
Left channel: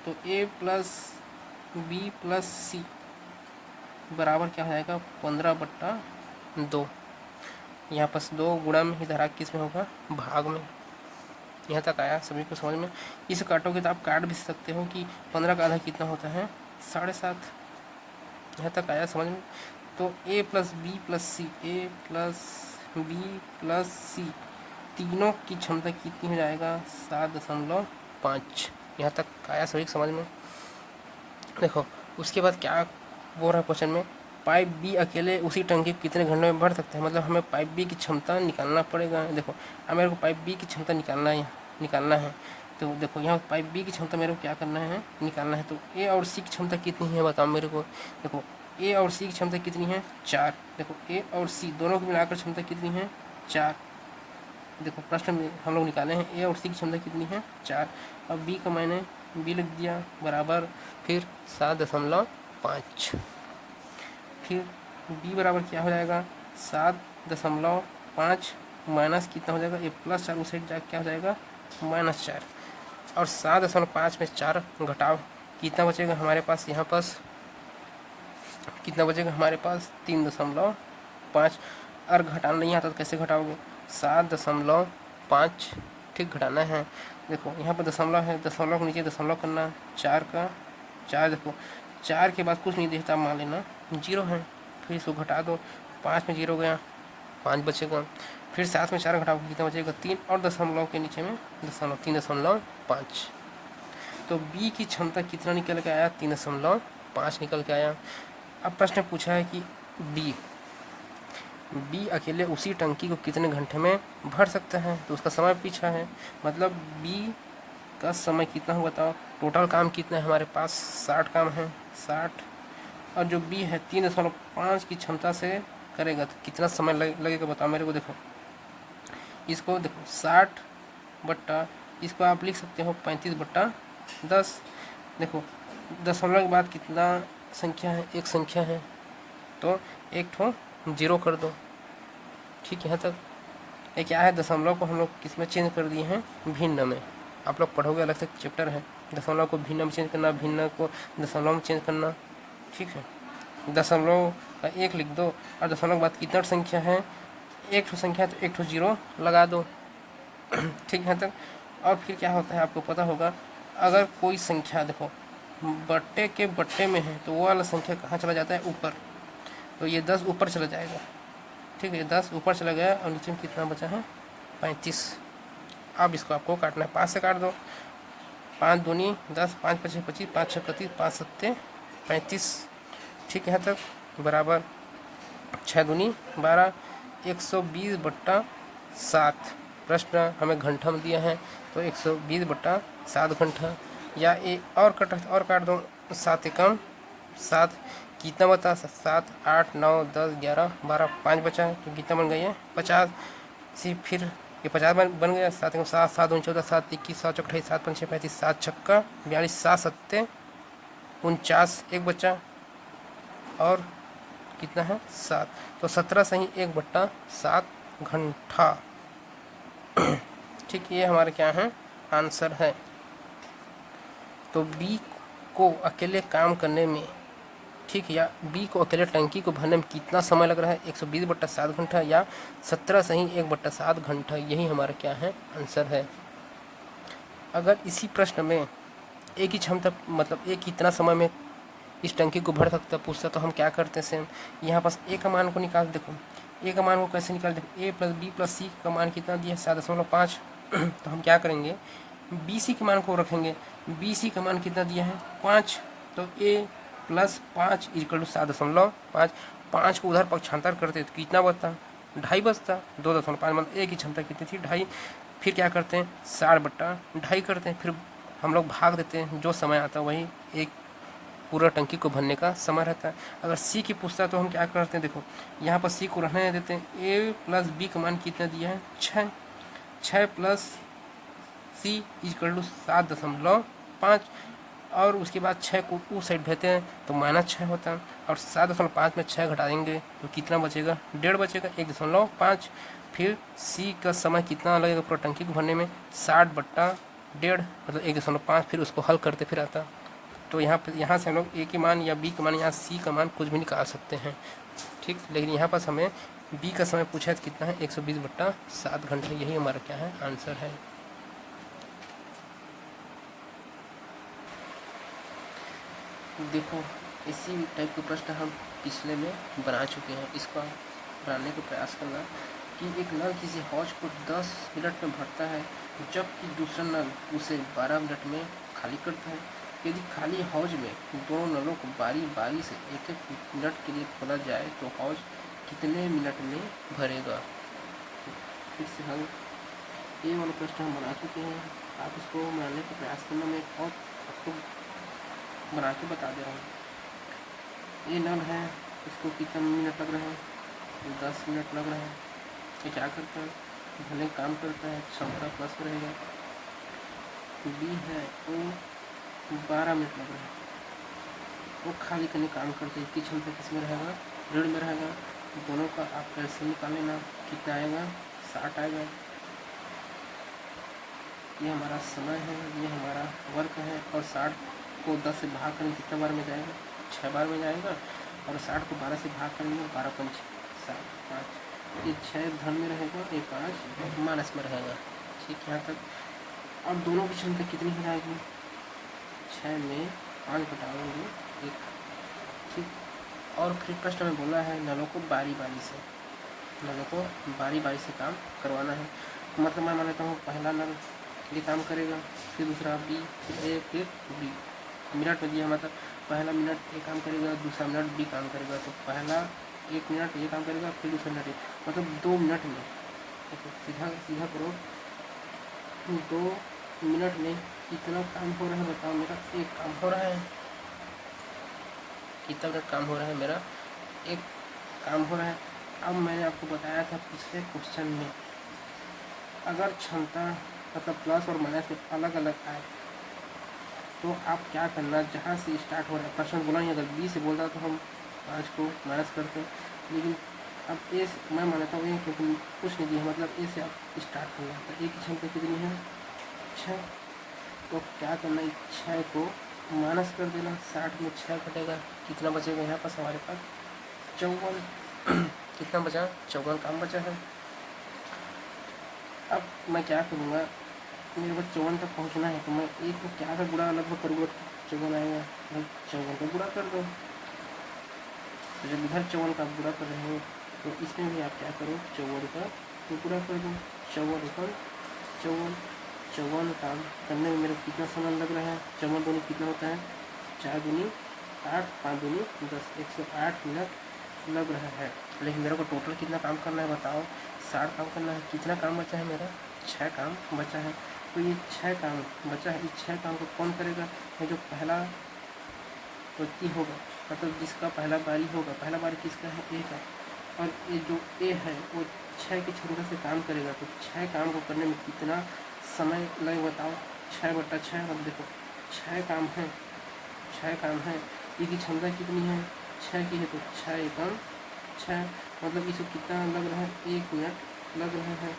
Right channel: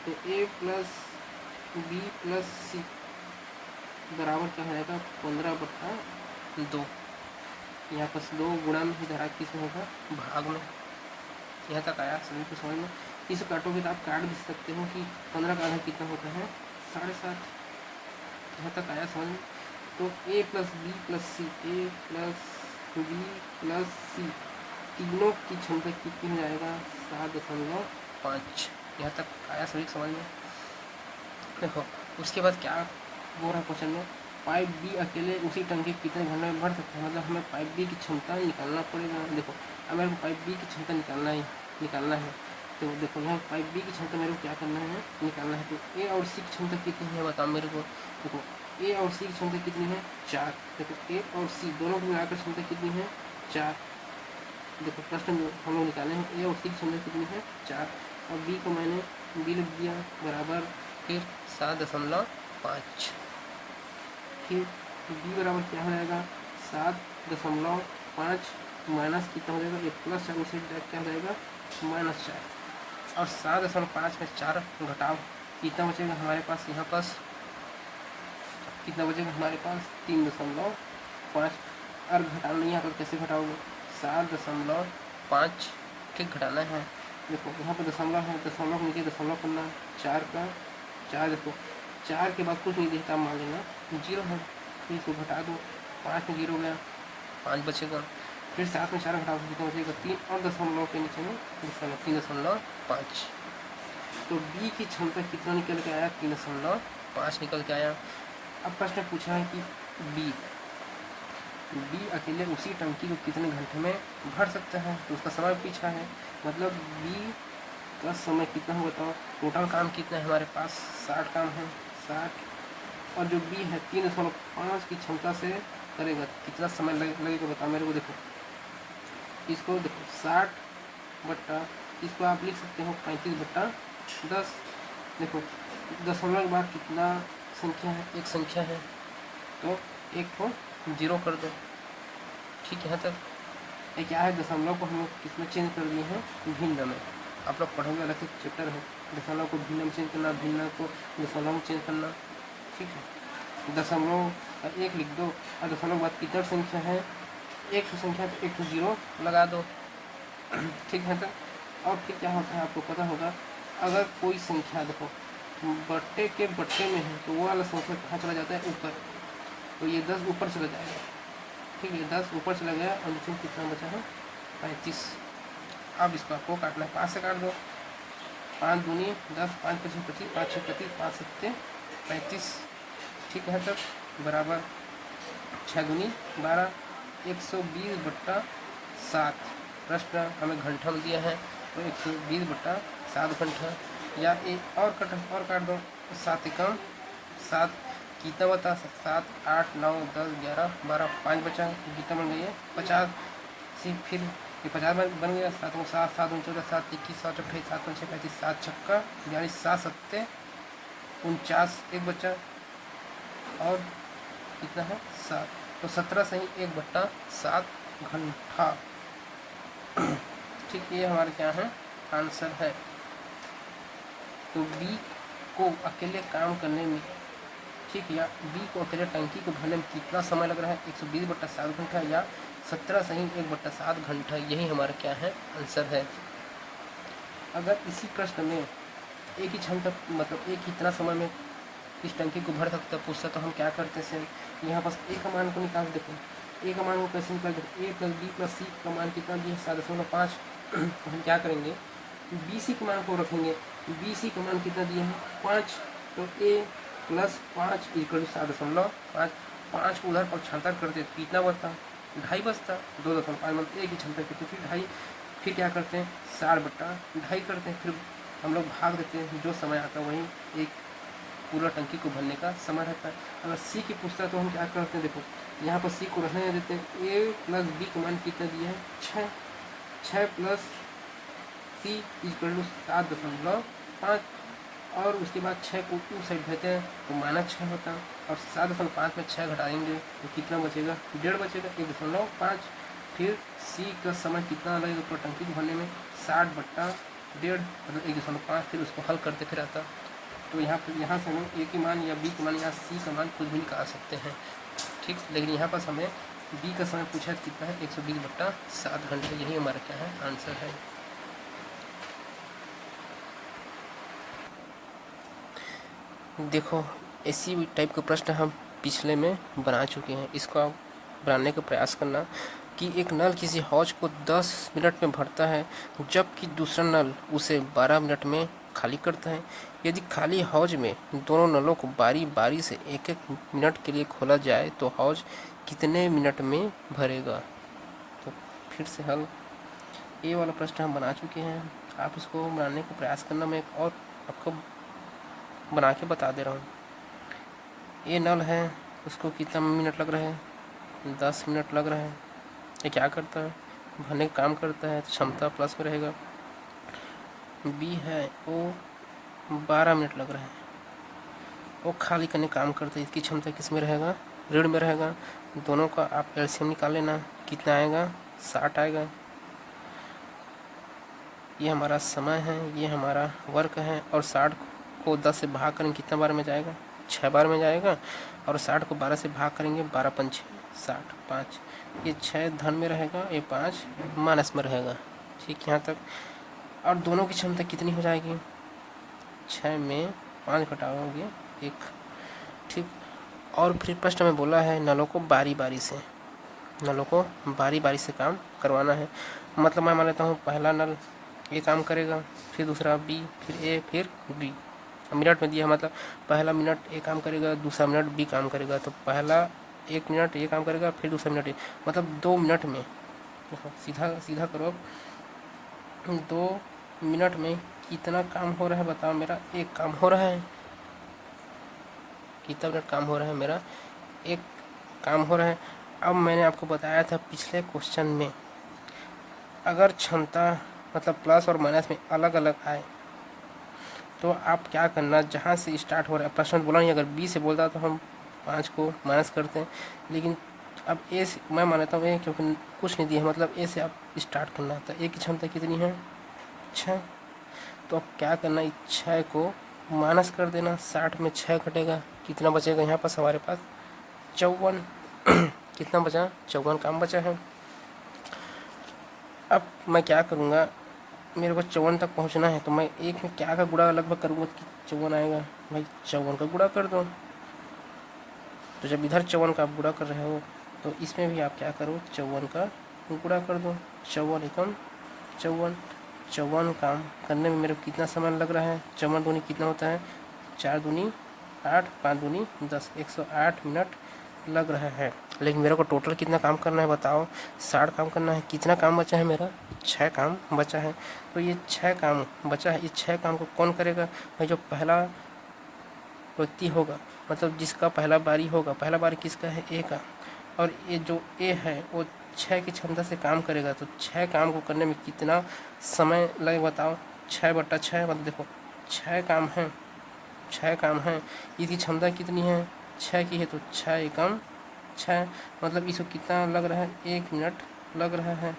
तो a प्लस बी प्लस सी बराबर क्या हो जाएगा, 15/2। यहाँ पर 2 गुणा में, इधर किस में होगा, भाग में। यहाँ तक आया सभी को समझ में। इसे काटोगे तो आप काट भी सकते हो कि 15 का आधा कितना होता है 7.5। यहाँ तक आया समझ में। तो a plus B plus C, A plus B plus C तीनों की क्षमता कितनी हो जाएगा 7.5। यहाँ तक आया सभी समझ में। देखो उसके बाद क्या बोल रहा है क्वेश्चन में, पाइप बी अकेले उसी टंकी कितने घंटे में भर सकते हैं। मतलब हमें पाइप बी की क्षमता निकालना पड़ेगा। देखो अब मेरे को पाइप बी की क्षमता निकालना है। तो देखो यहाँ पाइप बी की क्षमता मेरे को क्या करना है, निकालना है। तो ए और सी की क्षमता कितनी है बताओ मेरे को। देखो ए और सी की क्षमता कितनी है 4। देखो ए और सी दोनों को मिलाकर क्षमता कितनी है 4। देखो प्रश्न में हम लोग निकाले हैं ए और सी की क्षमता कितनी है 4। अब बी का मैंने बी लिख दिया बराबर फिर 7.5। फिर बी बराबर क्या हो जाएगा 7.5 माइनस कितना हो जाएगा, ये प्लस 4 साइड जाकर क्या हो जाएगा -4। और 7.5 में 4 घटाओ कितना बचेगा हमारे पास, यहाँ पास कितना बचेगा हमारे पास 3.5। और घटाना नहीं आता तो कैसे घटाओगे 7.5 ठीक घटाना है। देखो यहाँ पर दशमलव है, दशमलव के नीचे दशमलव करना 4 का 4। देखो 4 के बाद कुछ नहीं दिखता मान लेना 0 है। फिर इसको घटा दो 5 में 0 गया 5 बचेगा। फिर 7 में 4 घटाओ कितना बचेगा 3 और दशमलव के नीचे में 3.5। तो बी की क्षमता कितना निकल के आया 3.5 निकल के आया। अब प्रश्न पूछा है कि बी अकेले उसी टंकी को कितने घंटे में भर सकता है। तो उसका समय पूछा है, मतलब बी का समय कितना हो बताओ। टोटल काम कितना है हमारे पास 60 काम है 60। और जो बी है 3.5 की क्षमता से करेगा तो कितना समय लगेगा बताओ मेरे को। देखो इसको देखो 60 बट्टा इसको आप लिख सकते हो 35/10। देखो दशमलव के बाद कितना संख्या है, एक संख्या है तो एक ठो 0 कर दो। ठीक है, यहाँ तक ये क्या है दशमलव को हम लोग किस में चेंज कर दिए हैं भिन्न में। आप लोग पढ़ोगे अलग से चैप्टर है, दशमलव को भिन्न में चेंज करना, भिन्न को दशमलव में चेंज करना। ठीक है, दशमलव का 1 लिख दो और दशमलव के बाद कितना संख्या है, एक ठो संख्या है तो एक ठो 0 लगा दो। ठीक है, तक और फिर क्या होता है आपको पता होगा, अगर कोई संख्या देखो बट्टे के बट्टे में है तो वो वाला संख्या कहाँ चला जाता है ऊपर, तो ये 10 ऊपर चला जाएगा। ठीक है, 10 ऊपर चला गया और नीचे में कितना बचा है 35। अब इसको आपको काटना है, 5 से काट दो, 5 दूनी 10, 5 5 25, 5 6 25, 5 7 35। ठीक है, तक बराबर 6 दूनी 12, 120/7। प्रश्न हमें घंटा में दिया है तो 120/7 घंटा। या एक और काट दो 7 एकम 7 कितना बता 7 8 9 10 11 12 5 बचा तो कितना बन गई है 50। फिर ये 50 बन गया 7 एकम 7 7 14 7 21 7 28 7 5 6 35 7 छक्का 42 7 7 49 एक बचा और कितना है 7, तो 17 से ही 1/7 घंटा। ठीक, ये हमारे क्या है आंसर है। तो बी को अकेले काम करने में, ठीक, या बी को अकेले टंकी को भरने में कितना समय लग रहा है 120/7 घंटा या 17 से ही 1/7 घंटा, यही हमारा क्या है आंसर है। अगर इसी प्रश्न में एक ही क्षमता मतलब एक कितना समय में इस टंकी को भर सकता पूछता तो हम क्या करते हैं, यहाँ पास ए का मान को निकाल। देखो ए का मान को कैसे निकाल, देखो ए प्लस बी प्लस सी का मान कितना दिया 7.5। तो हम क्या करेंगे बी सी के मान को रखेंगे, बी सी का मान कितना दिया है 5, तो ए प्लस 5 इक्वल टू 7.5। 5 को उधर पक्षांतर करते तो कितना बचता 2.5 बचता, 2.5 मतलब ए की क्षमता कितनी थी 2.5। फिर क्या करते हैं 60/2.5 करते हैं, फिर हम लोग भाग देते हैं, जो समय आता है वही एक पूरा टंकी को भरने का समय रहता है। अगर सी की पूछता है तो हम क्या करते हैं, देखो यहाँ पर सी को रहने देते हैं। ए प्लस बी का मान कितना दिया है 6, 6 प्लस सी इक्वल टू 7.5 और उसके बाद 6 को उस साइड भेजते हैं तो -6 होता है और 7.5 में 6 घटा देंगे तो कितना बचेगा 1.5 बचेगा 1.5। फिर सी का समय कितना लगेगा पूरा टंकी को भरने में 60/1.5 मतलब 1.5। फिर उसको हल करते फिर आता, तो यहाँ से हम लोग ए के मान या बी के मान या सी का मान कुछ भी निकाल सकते हैं। ठीक, लेकिन यहाँ पास हमें बी का समय पूछा है कितना है 120/7 घंटे, यही हमारा क्या है आंसर है। देखो इसी टाइप के प्रश्न हम पिछले में बना चुके हैं। इसको आप बनाने का प्रयास करना कि एक नल किसी हौज को 10 मिनट में भरता है जबकि दूसरा नल उसे 12 मिनट में खाली करता है। यदि खाली हौज में दोनों नलों को बारी बारी से एक एक मिनट के लिए खोला जाए तो हौज कितने मिनट में भरेगा। तो फिर से हल ये वाला प्रश्न हम बना चुके हैं। आप इसको बनाने का प्रयास करना। मैं एक और आपको बना के बता दे रहा हूँ। ये नल है, उसको कितना मिनट लग रहे हैं, 10 मिनट लग रहे हैं। ये क्या करता है, भरने का काम करता है, तो क्षमता प्लस में रहेगा। बी है, वो 12 मिनट लग रहे हैं, वो खाली करने का काम करता है। इसकी क्षमता किस में रहेगा, ऋण में रहेगा। दोनों का आप एलसीएम निकाल लेना, कितना आएगा, 60 आएगा। ये हमारा समय है, ये हमारा वर्क है। और 60 को 10 से भाग करेंगे कितना बार में जाएगा, 6 बार में जाएगा। और 60 को 12 से भाग करेंगे, 12 पंच 60, 5। ये 6 धन में रहेगा, ये 5 माइनस में रहेगा। ठीक, यहाँ तक। और दोनों की क्षमता कितनी हो जाएगी, 6 में 5 घटाओगे 1। ठीक। और फिर प्रश्न में बोला है नलों को बारी बारी से, नलों को बारी बारी से काम करवाना है। मतलब मैं मान लेता हूँ पहला नल ये काम करेगा, फिर दूसरा बी, फिर ए, फिर बी। मिनट में दिया, मतलब पहला मिनट ए काम करेगा, दूसरा मिनट बी काम करेगा। तो पहला 1 मिनट ये काम करेगा, फिर दूसरा मिनट ए, मतलब 2 मिनट में। सीधा सीधा करो, 2 मिनट में कितना काम हो रहा है बताओ। मेरा एक काम हो रहा है। कितना मिनट काम हो रहा है, मेरा एक काम हो रहा है। अब मैंने आपको बताया था पिछले क्वेश्चन में, अगर क्षमता मतलब प्लस और माइनस में अलग अलग आए तो आप क्या करना, जहाँ से स्टार्ट हो रहा है। प्रश्न बोला नहीं, अगर बी से बोलता तो हम 5 को माइनस करते हैं, लेकिन अब ए से मैं मानता हूँ ए, क्योंकि कुछ नहीं दिया है, मतलब ए से आप स्टार्ट करना। तो ए की क्षमता कितनी है, 6। तो अब क्या करना, 6 को माइनस कर देना, 60 में 6 घटेगा, कितना बचेगा यहाँ पर हमारे पास, 54। कितना बचा, 54 काम बचा है। अब मैं क्या करूँगा, मेरे को 54 तक पहुँचना है, तो मैं एक में क्या का गुणा लगभग करूँगा कि 54 आएगा। भाई 54 का गुणा कर दो। तो जब इधर 54 का आप गुणा कर रहे हो तो इसमें भी आप क्या करो, 54 का गुणा कर दो। 54 एकम 54, 54 काम करने में मेरे को कितना समय लग रहा है, 54 दूनी कितना होता है, 4 दूनी 8, 5 दूनी 10, 108 मिनट लग रहा है। लेकिन मेरे को टोटल कितना काम करना है बताओ, 60 काम करना है। कितना काम बचा है मेरा, 6 काम बचा है। तो ये 6 काम बचा है, इस 6 काम को कौन करेगा, भाई जो पहला व्यक्ति होगा, मतलब जिसका पहला बारी होगा। पहला बारी किसका है, ए का। और ये जो ए है वो 6 की क्षमता से काम करेगा। तो 6 काम को करने में कितना समय लगे बताओ, 6/6, मतलब देखो 6 काम है, 6 काम है। इसकी क्षमता कितनी है, 6 की है, तो 6 एकम 6, मतलब इसको कितना लग रहा है, 1 मिनट लग रहा है।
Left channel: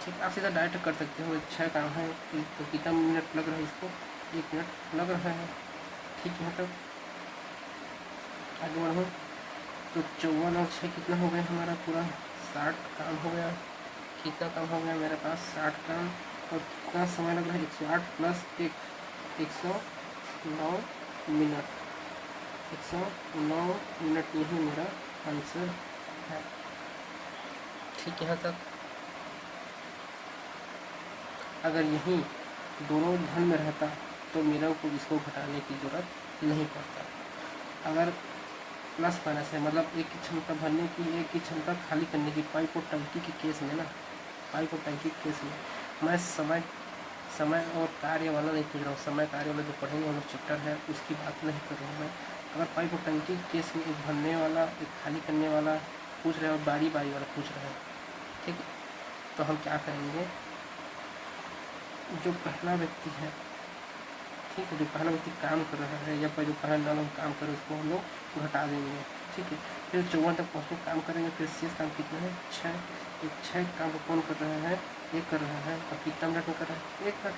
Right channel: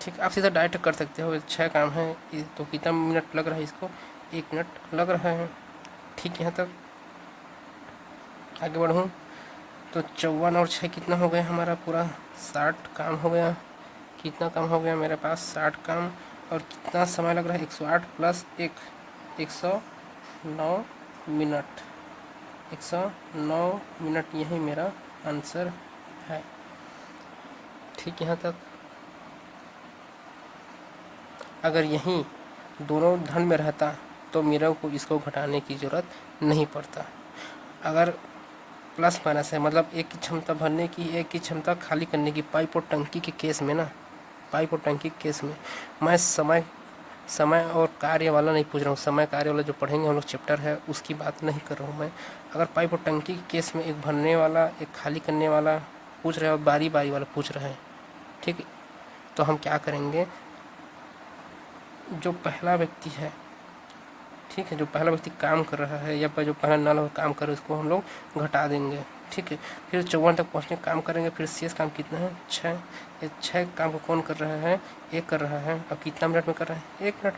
ठीक, आप सीधा डायरेक्ट कर सकते हो, 6 काम है तो कितना मिनट लग रहा है, इसको 1 मिनट लग रहा है। ठीक, यहाँ तक आगे बढ़ूँ तो 54 और 6 कितना हो गया हमारा, पूरा 60 काम हो गया। कितना काम हो गया मेरे पास, 60 काम। और कितना समय लग रहा है, 108 प्लस 1, 109 मिनट। 109 मिनट, यही मेरा आंसर है। ठीक, यहाँ तक। अगर यहीं दोनों धन में रहता तो मेरे को इसको घटाने की ज़रूरत नहीं पड़ता। अगर प्लस माइनस है, मतलब एक की क्षमता भरने की, एक की क्षमता खाली करने की, पाइप और टंकी के केस में ना, पाइप और टंकी के केस में मैं समय और कार्य वाला नहीं पूछ रहा हूँ। समय कार्य वाला जो पढ़ेंगे हम लोग चैप्टर है, उसकी बात नहीं कर रहा हूँ मैं। अगर पाइप और टंकी के केस में एक भरने वाला, एक खाली करने वाला पूछ रहे हैं और बारी बारी वाला पूछ रहे हैं, ठीक है, तो हम क्या करेंगे, जो पहला व्यक्ति है, ठीक है, जो पहला व्यक्ति काम कर रहा है या जो पहला नल काम कर रहा है, उसको हम लोग घटा देंगे। ठीक है, फिर 54 तक पहुँचने का काम करेंगे। फिर शेष काम कितना है, 6। ये 6 काम को कौन कर रहा है, एक कर रहा है। और कितना मिनट में कर रहा है, 1 मिनट,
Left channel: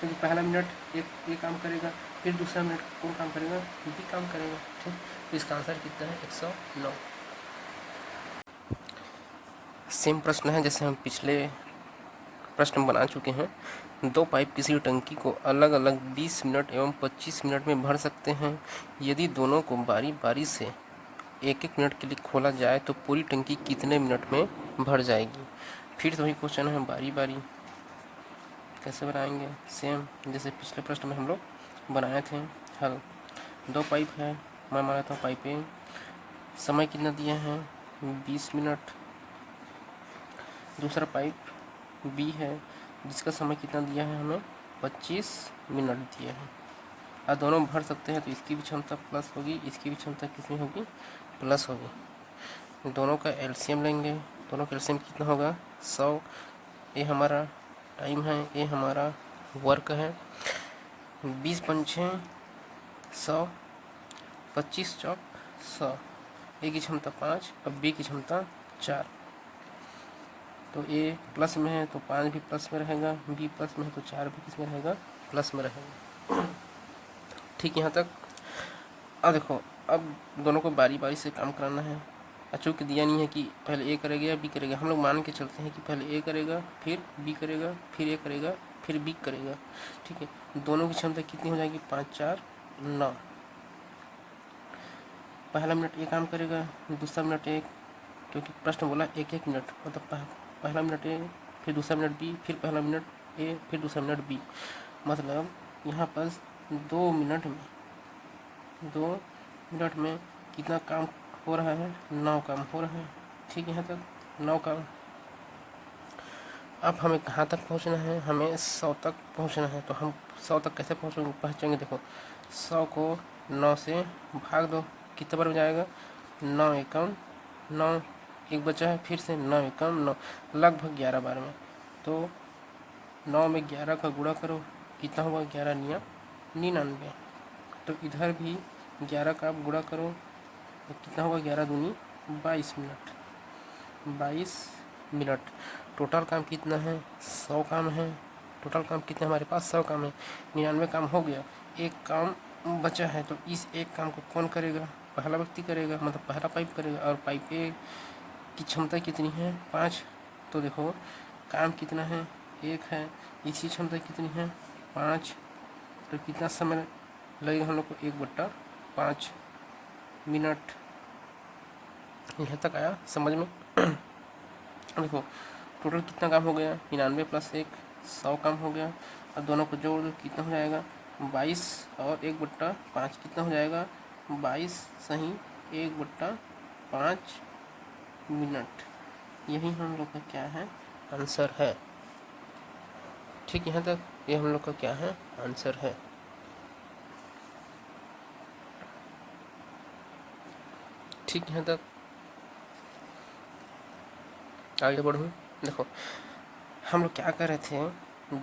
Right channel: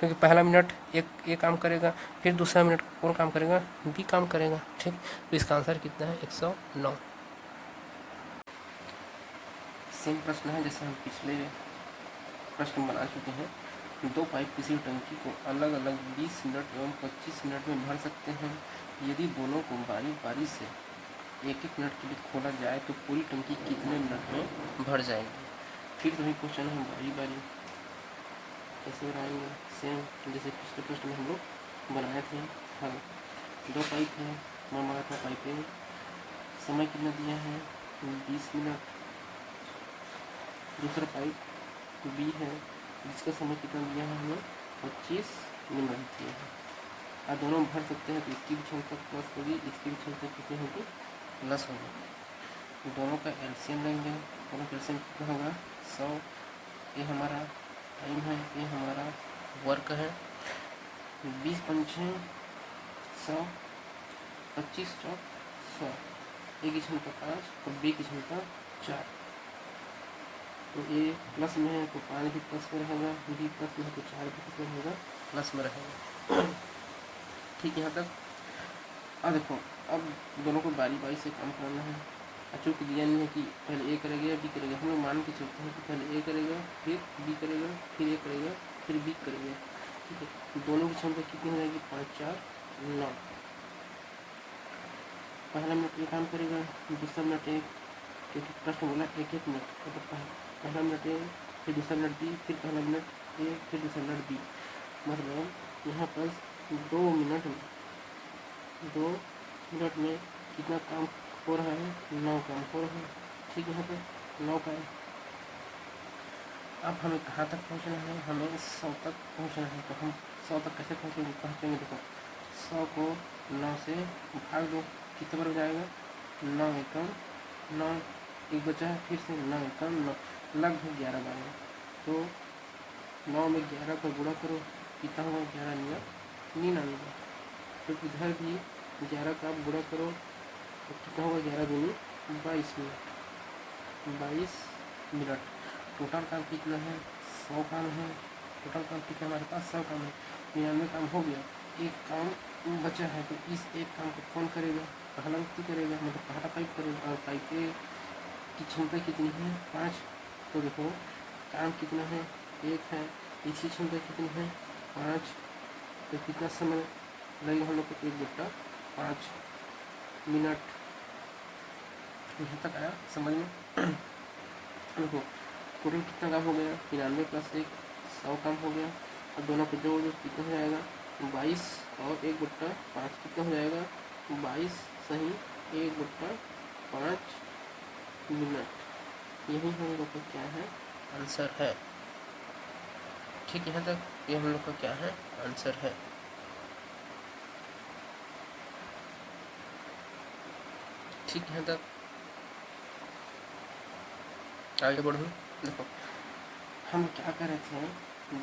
क्योंकि पहला मिनट एक काम करेगा, फिर दूसरा मिनट कौन काम करेगा, बी काम करेगा। ठीक, तो इसका आंसर कितना है, 109। सेम प्रश्न है जैसे हम पिछले प्रश्न बना चुके हैं। दो पाइप किसी टंकी को अलग अलग 20 मिनट एवं 25 मिनट में भर सकते हैं। यदि दोनों को बारी बारी से एक एक मिनट के लिए खोला जाए तो पूरी टंकी कितने मिनट में भर जाएगी। फिर से वही क्वेश्चन है, बारी बारी कैसे बनाएंगे, सेम जैसे पिछले प्रश्न में हम लोग बनाए थे। हल, दो पाइप है, मैं माना था पाइप ए, समय कितना दिया है 20 मिनट। दूसरा पाइप बी है जिसका समय कितना दिया है हमें 25 मिनट दिया है। अब दोनों भर सकते हैं तो इसकी भी क्षमता प्लस होगी, इसकी भी क्षमता कितनी होगी प्लस होगी। दोनों का एलसीएम लेंगे, दोनों का एलसीएम कितना होगा 100। ये हमारा टाइम है, ये हमारा वर्क है। 20 पंचे 100, 25 चौक 100। ए की क्षमता 5 और बी की क्षमता 4। तो ए प्लस में है तो 5 भी प्लस में रहेगा, बी प्लस में है तो 4 भी किस में रहेगा प्लस में रहेगा। ठीक, यहाँ तक। अब देखो, अब दोनों को बारी बारी से काम कराना है। चूँकि दिया नहीं है कि पहले ए करेगा या बी करेगा, हम लोग मान के चलते हैं कि पहले ए करेगा फिर बी करेगा फिर ए करेगा फिर बी करेगा। ठीक है, दोनों की क्षमता कितनी हो जाएगी 5 4 9। पहला मिनट ए काम करेगा, दूसरा मिनट ए, क्योंकि प्रश्न बोला एक एक मिनट, मतलब पहला मिनट ए फिर दूसरा मिनट बी फिर पहला मिनट ए फिर दूसरा मिनट बी। मतलब यहाँ पर 2 मिनट में कितना काम हो रहा है 9 काम हो रहा है। ठीक है, यहाँ तक 9 काम। अब हमें कहाँ तक पहुँचना है, हमें 100 तक पहुँचना है। तो हम 100 तक कैसे पहुँचेंगे, देखो 100 को 9 से भाग दो, कितने बार हो जाएगा 9 एकम 9, एक बचा है फिर से 9 एकम 9, लगभग 11 बार में। तो 9 में 11 का गुणा करो, कितना होगा 11 निया 99। तो इधर भी 11 का आप गुणा करो तो कितना होगा 11 दूनी 22 मिनट। 22 मिनट टोटल काम कितना है 100 काम है। टोटल काम कितना हमारे पास 100 काम है, 99 काम हो गया, एक काम बचा है। तो इस एक काम को कौन करेगा, पहला व्यक्ति करेगा, मतलब पहला पाइप करेगा। और पाइप ए की क्षमता कितनी है 5। तो देखो काम कितना है 1 है, इसकी क्षमता कितनी है 5। तो कितना समय लगेगा हम लोग को 1/5 मिनट। यहाँ तक आया समझ में। देखो टोटल कितना काम हो गया 99 + 1 100 काम हो गया। अब दोनों को जोड़ दो, कितना हो जाएगा 22 और 1/5 कितना हो जाएगा 22 सही 1/5 मिनट। यही हम लोग का क्या है आंसर है। ठीक है, यहाँ तक ये हम लोग का क्या है आंसर है। ठीक है, यहाँ तक आगे बढ़ूँ। देखो हम लोग क्या कर रहे थे,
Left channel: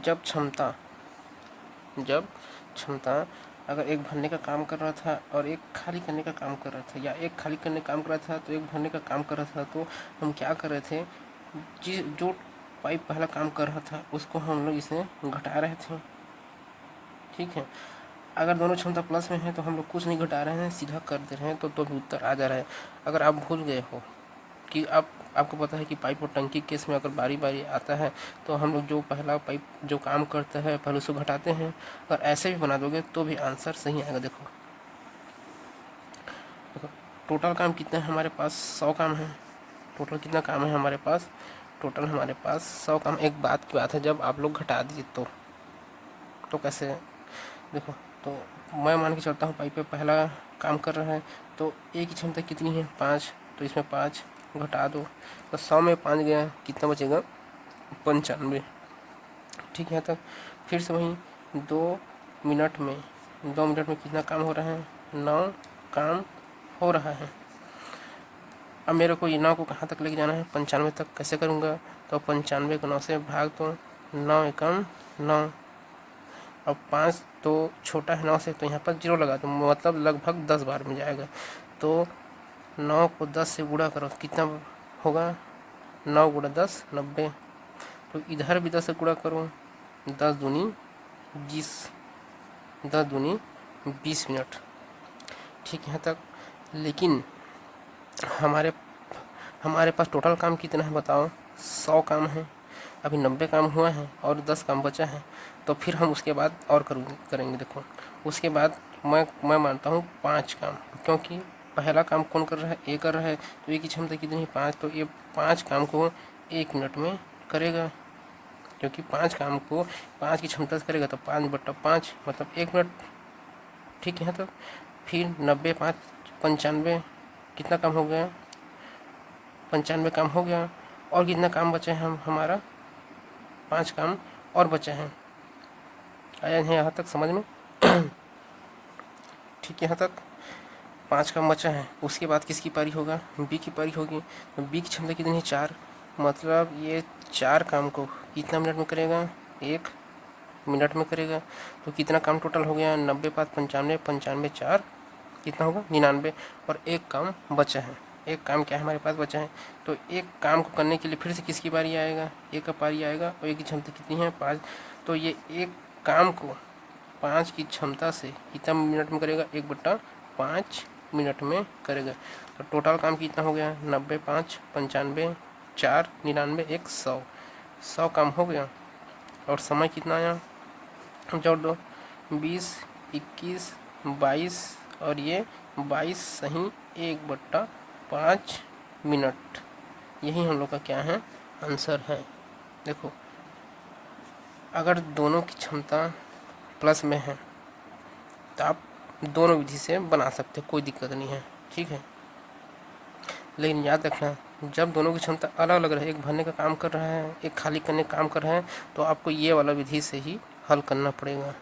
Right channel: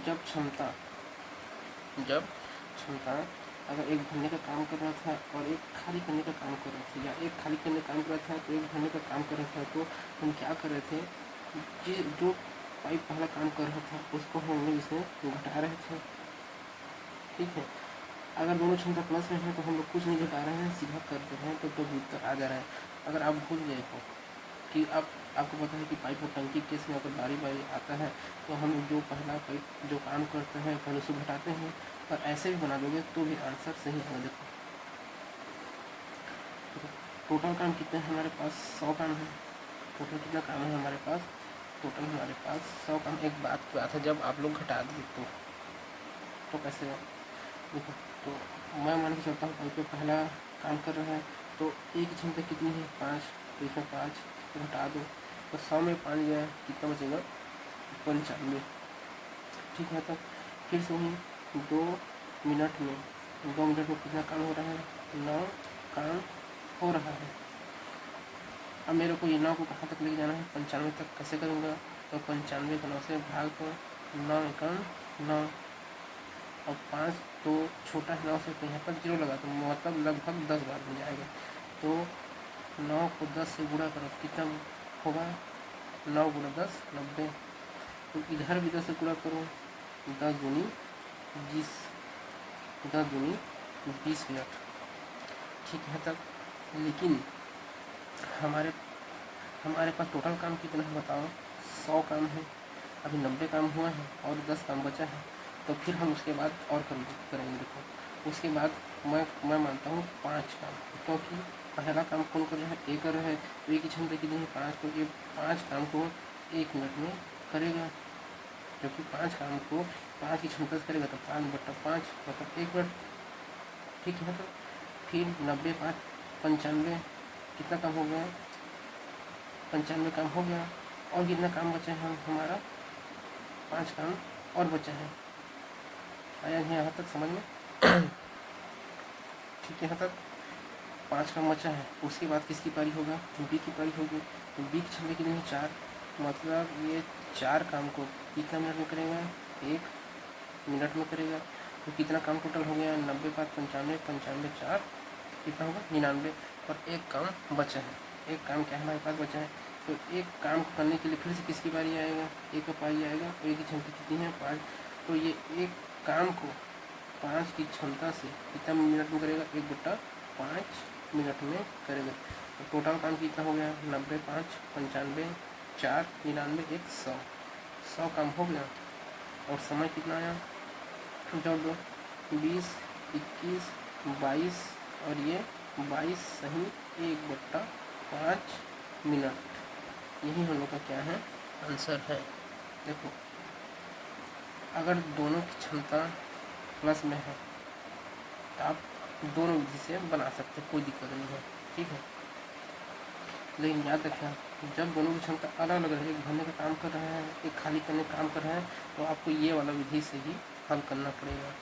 जब क्षमता अगर एक भरने का काम कर रहा था और एक खाली करने का काम कर रहा था, या एक खाली करने का काम कर रहा था तो एक भरने का काम कर रहा था, तो हम क्या कर रहे थे, जो पाइप पहला काम कर रहा था उसको हम लोग इसे घटा रहे थे। ठीक है, अगर दोनों क्षमता प्लस में है तो हम लोग कुछ नहीं घटा रहे हैं, सीधा कर दे रहे हैं, तो भी उत्तर आ जा रहा है। अगर आप भूल गए हो कि आपको पता है कि पाइप और टंकी केस में अगर बारी बारी आता है तो हम लोग जो पहला पाइप जो काम करता है पहले उसको घटाते हैं, और ऐसे भी बना दोगे तो भी आंसर सही आएगा। देखो टोटल काम कितना है हमारे पास 100 काम है। टोटल कितना काम है हमारे पास, टोटल हमारे पास 100 काम। एक बात की बात है, जब आप लोग घटा दिए तो कैसे, देखो तो मैं मान के चलता हूँ पाइप पे पहला काम कर रहा है तो ए की क्षमता कितनी है 5, तो इसमें 5 घटा दो तो 100 में 5 गया, कितना बचेगा 95। ठीक है, तक फिर से वही 2 मिनट में कितना काम हो रहा है 9 काम हो रहा है। अब मेरे को ये 9 को कहाँ तक लेके जाना है 95 तक। कैसे करूँगा, तो 95 को 9 से भाग दो, 9 एकम 9। अब 5 तो छोटा है 9 से, तो यहाँ पर 0 लगा दो, मतलब लगभग 10 बार में जाएगा। तो 9 को 10 से गुणा करो, कितना होगा 9 × 10 90। तो इधर भी 10 से गुणा करो, 10 दूनी 20, 10 दूनी 20 मिनट। ठीक है तक। लेकिन हमारे पास टोटल काम कितना है बताओ 100 काम है। अभी 90 काम हुआ है और 10 काम बचा है, तो फिर हम उसके बाद और करेंगे। देखो उसके बाद मैं मानता हूँ 5 काम, क्योंकि पहला काम कौन कर रहा है, ए कर रहा है, तो ए की क्षमता कितनी है 5, तो ये 5 काम को 1 मिनट में करेगा, क्योंकि 5 काम को 5 की क्षमता से करेगा, तो 5/5 मतलब 1 मिनट। ठीक है, तो फिर 90 5 95, कितना काम हो गया, 95 काम हो गया। और कितना काम बचे हैं हमारा 5 काम और बचे हैं। आया नहीं यहाँ तक समझ में? ठीक है, यहाँ तक 5 काम बचा है। उसके बाद किसकी पारी होगा, बी की पारी होगी। तो बी की क्षमता कितनी है 4, मतलब ये 4 काम को कितना मिनट में करेगा, 1 मिनट में करेगा। तो कितना काम टोटल हो गया, 90 5 95, 95 4 कितना होगा 99, और एक काम बचा है। एक काम क्या है हमारे पास बचा है, तो एक काम को करने के लिए फिर से किसकी बारी आएगा, एक का पारी आएगा, और एक की क्षमता कितनी है 5, तो ये एक काम को 5 की क्षमता से कितना मिनट में करेगा, 1/5 मिनट में करेगा। और टोटल काम कितना हो गया, 90 5 95 4 99 1 100 काम हो गया। और समय कितना आया, जोड़ दो, 20 21 22 और ये 22 सही 1/5 मिनट। यही हम लोग का क्या है, आंसर है। देखो अगर दोनों की क्षमता प्लस में है तो आप दोनों विधि से बना सकते हो, कोई दिक्कत नहीं है। ठीक है, लेकिन याद रखना जब दोनों की क्षमता अलग अलग रहे, एक भरने का काम कर रहा है, एक खाली करने का काम कर रहा है, तो आपको ये वाला विधि से ही हल करना पड़ेगा।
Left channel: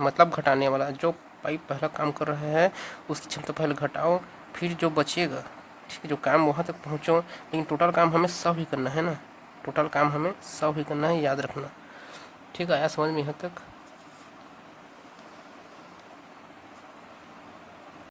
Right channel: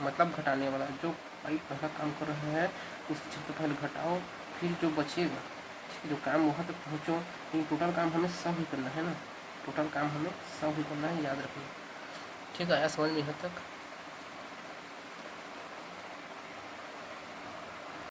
मतलब घटाने वाला, जो पाइप पहला काम कर रहा है उसकी क्षमता पहले घटाओ, फिर जो बचेगा, ठीक है, जो काम वहाँ तक पहुँचो। लेकिन टोटल काम हमें 100 ही करना है ना, टोटल काम हमें 100 ही करना है, याद रखना। ठीक है, आया समझ में यहाँ तक?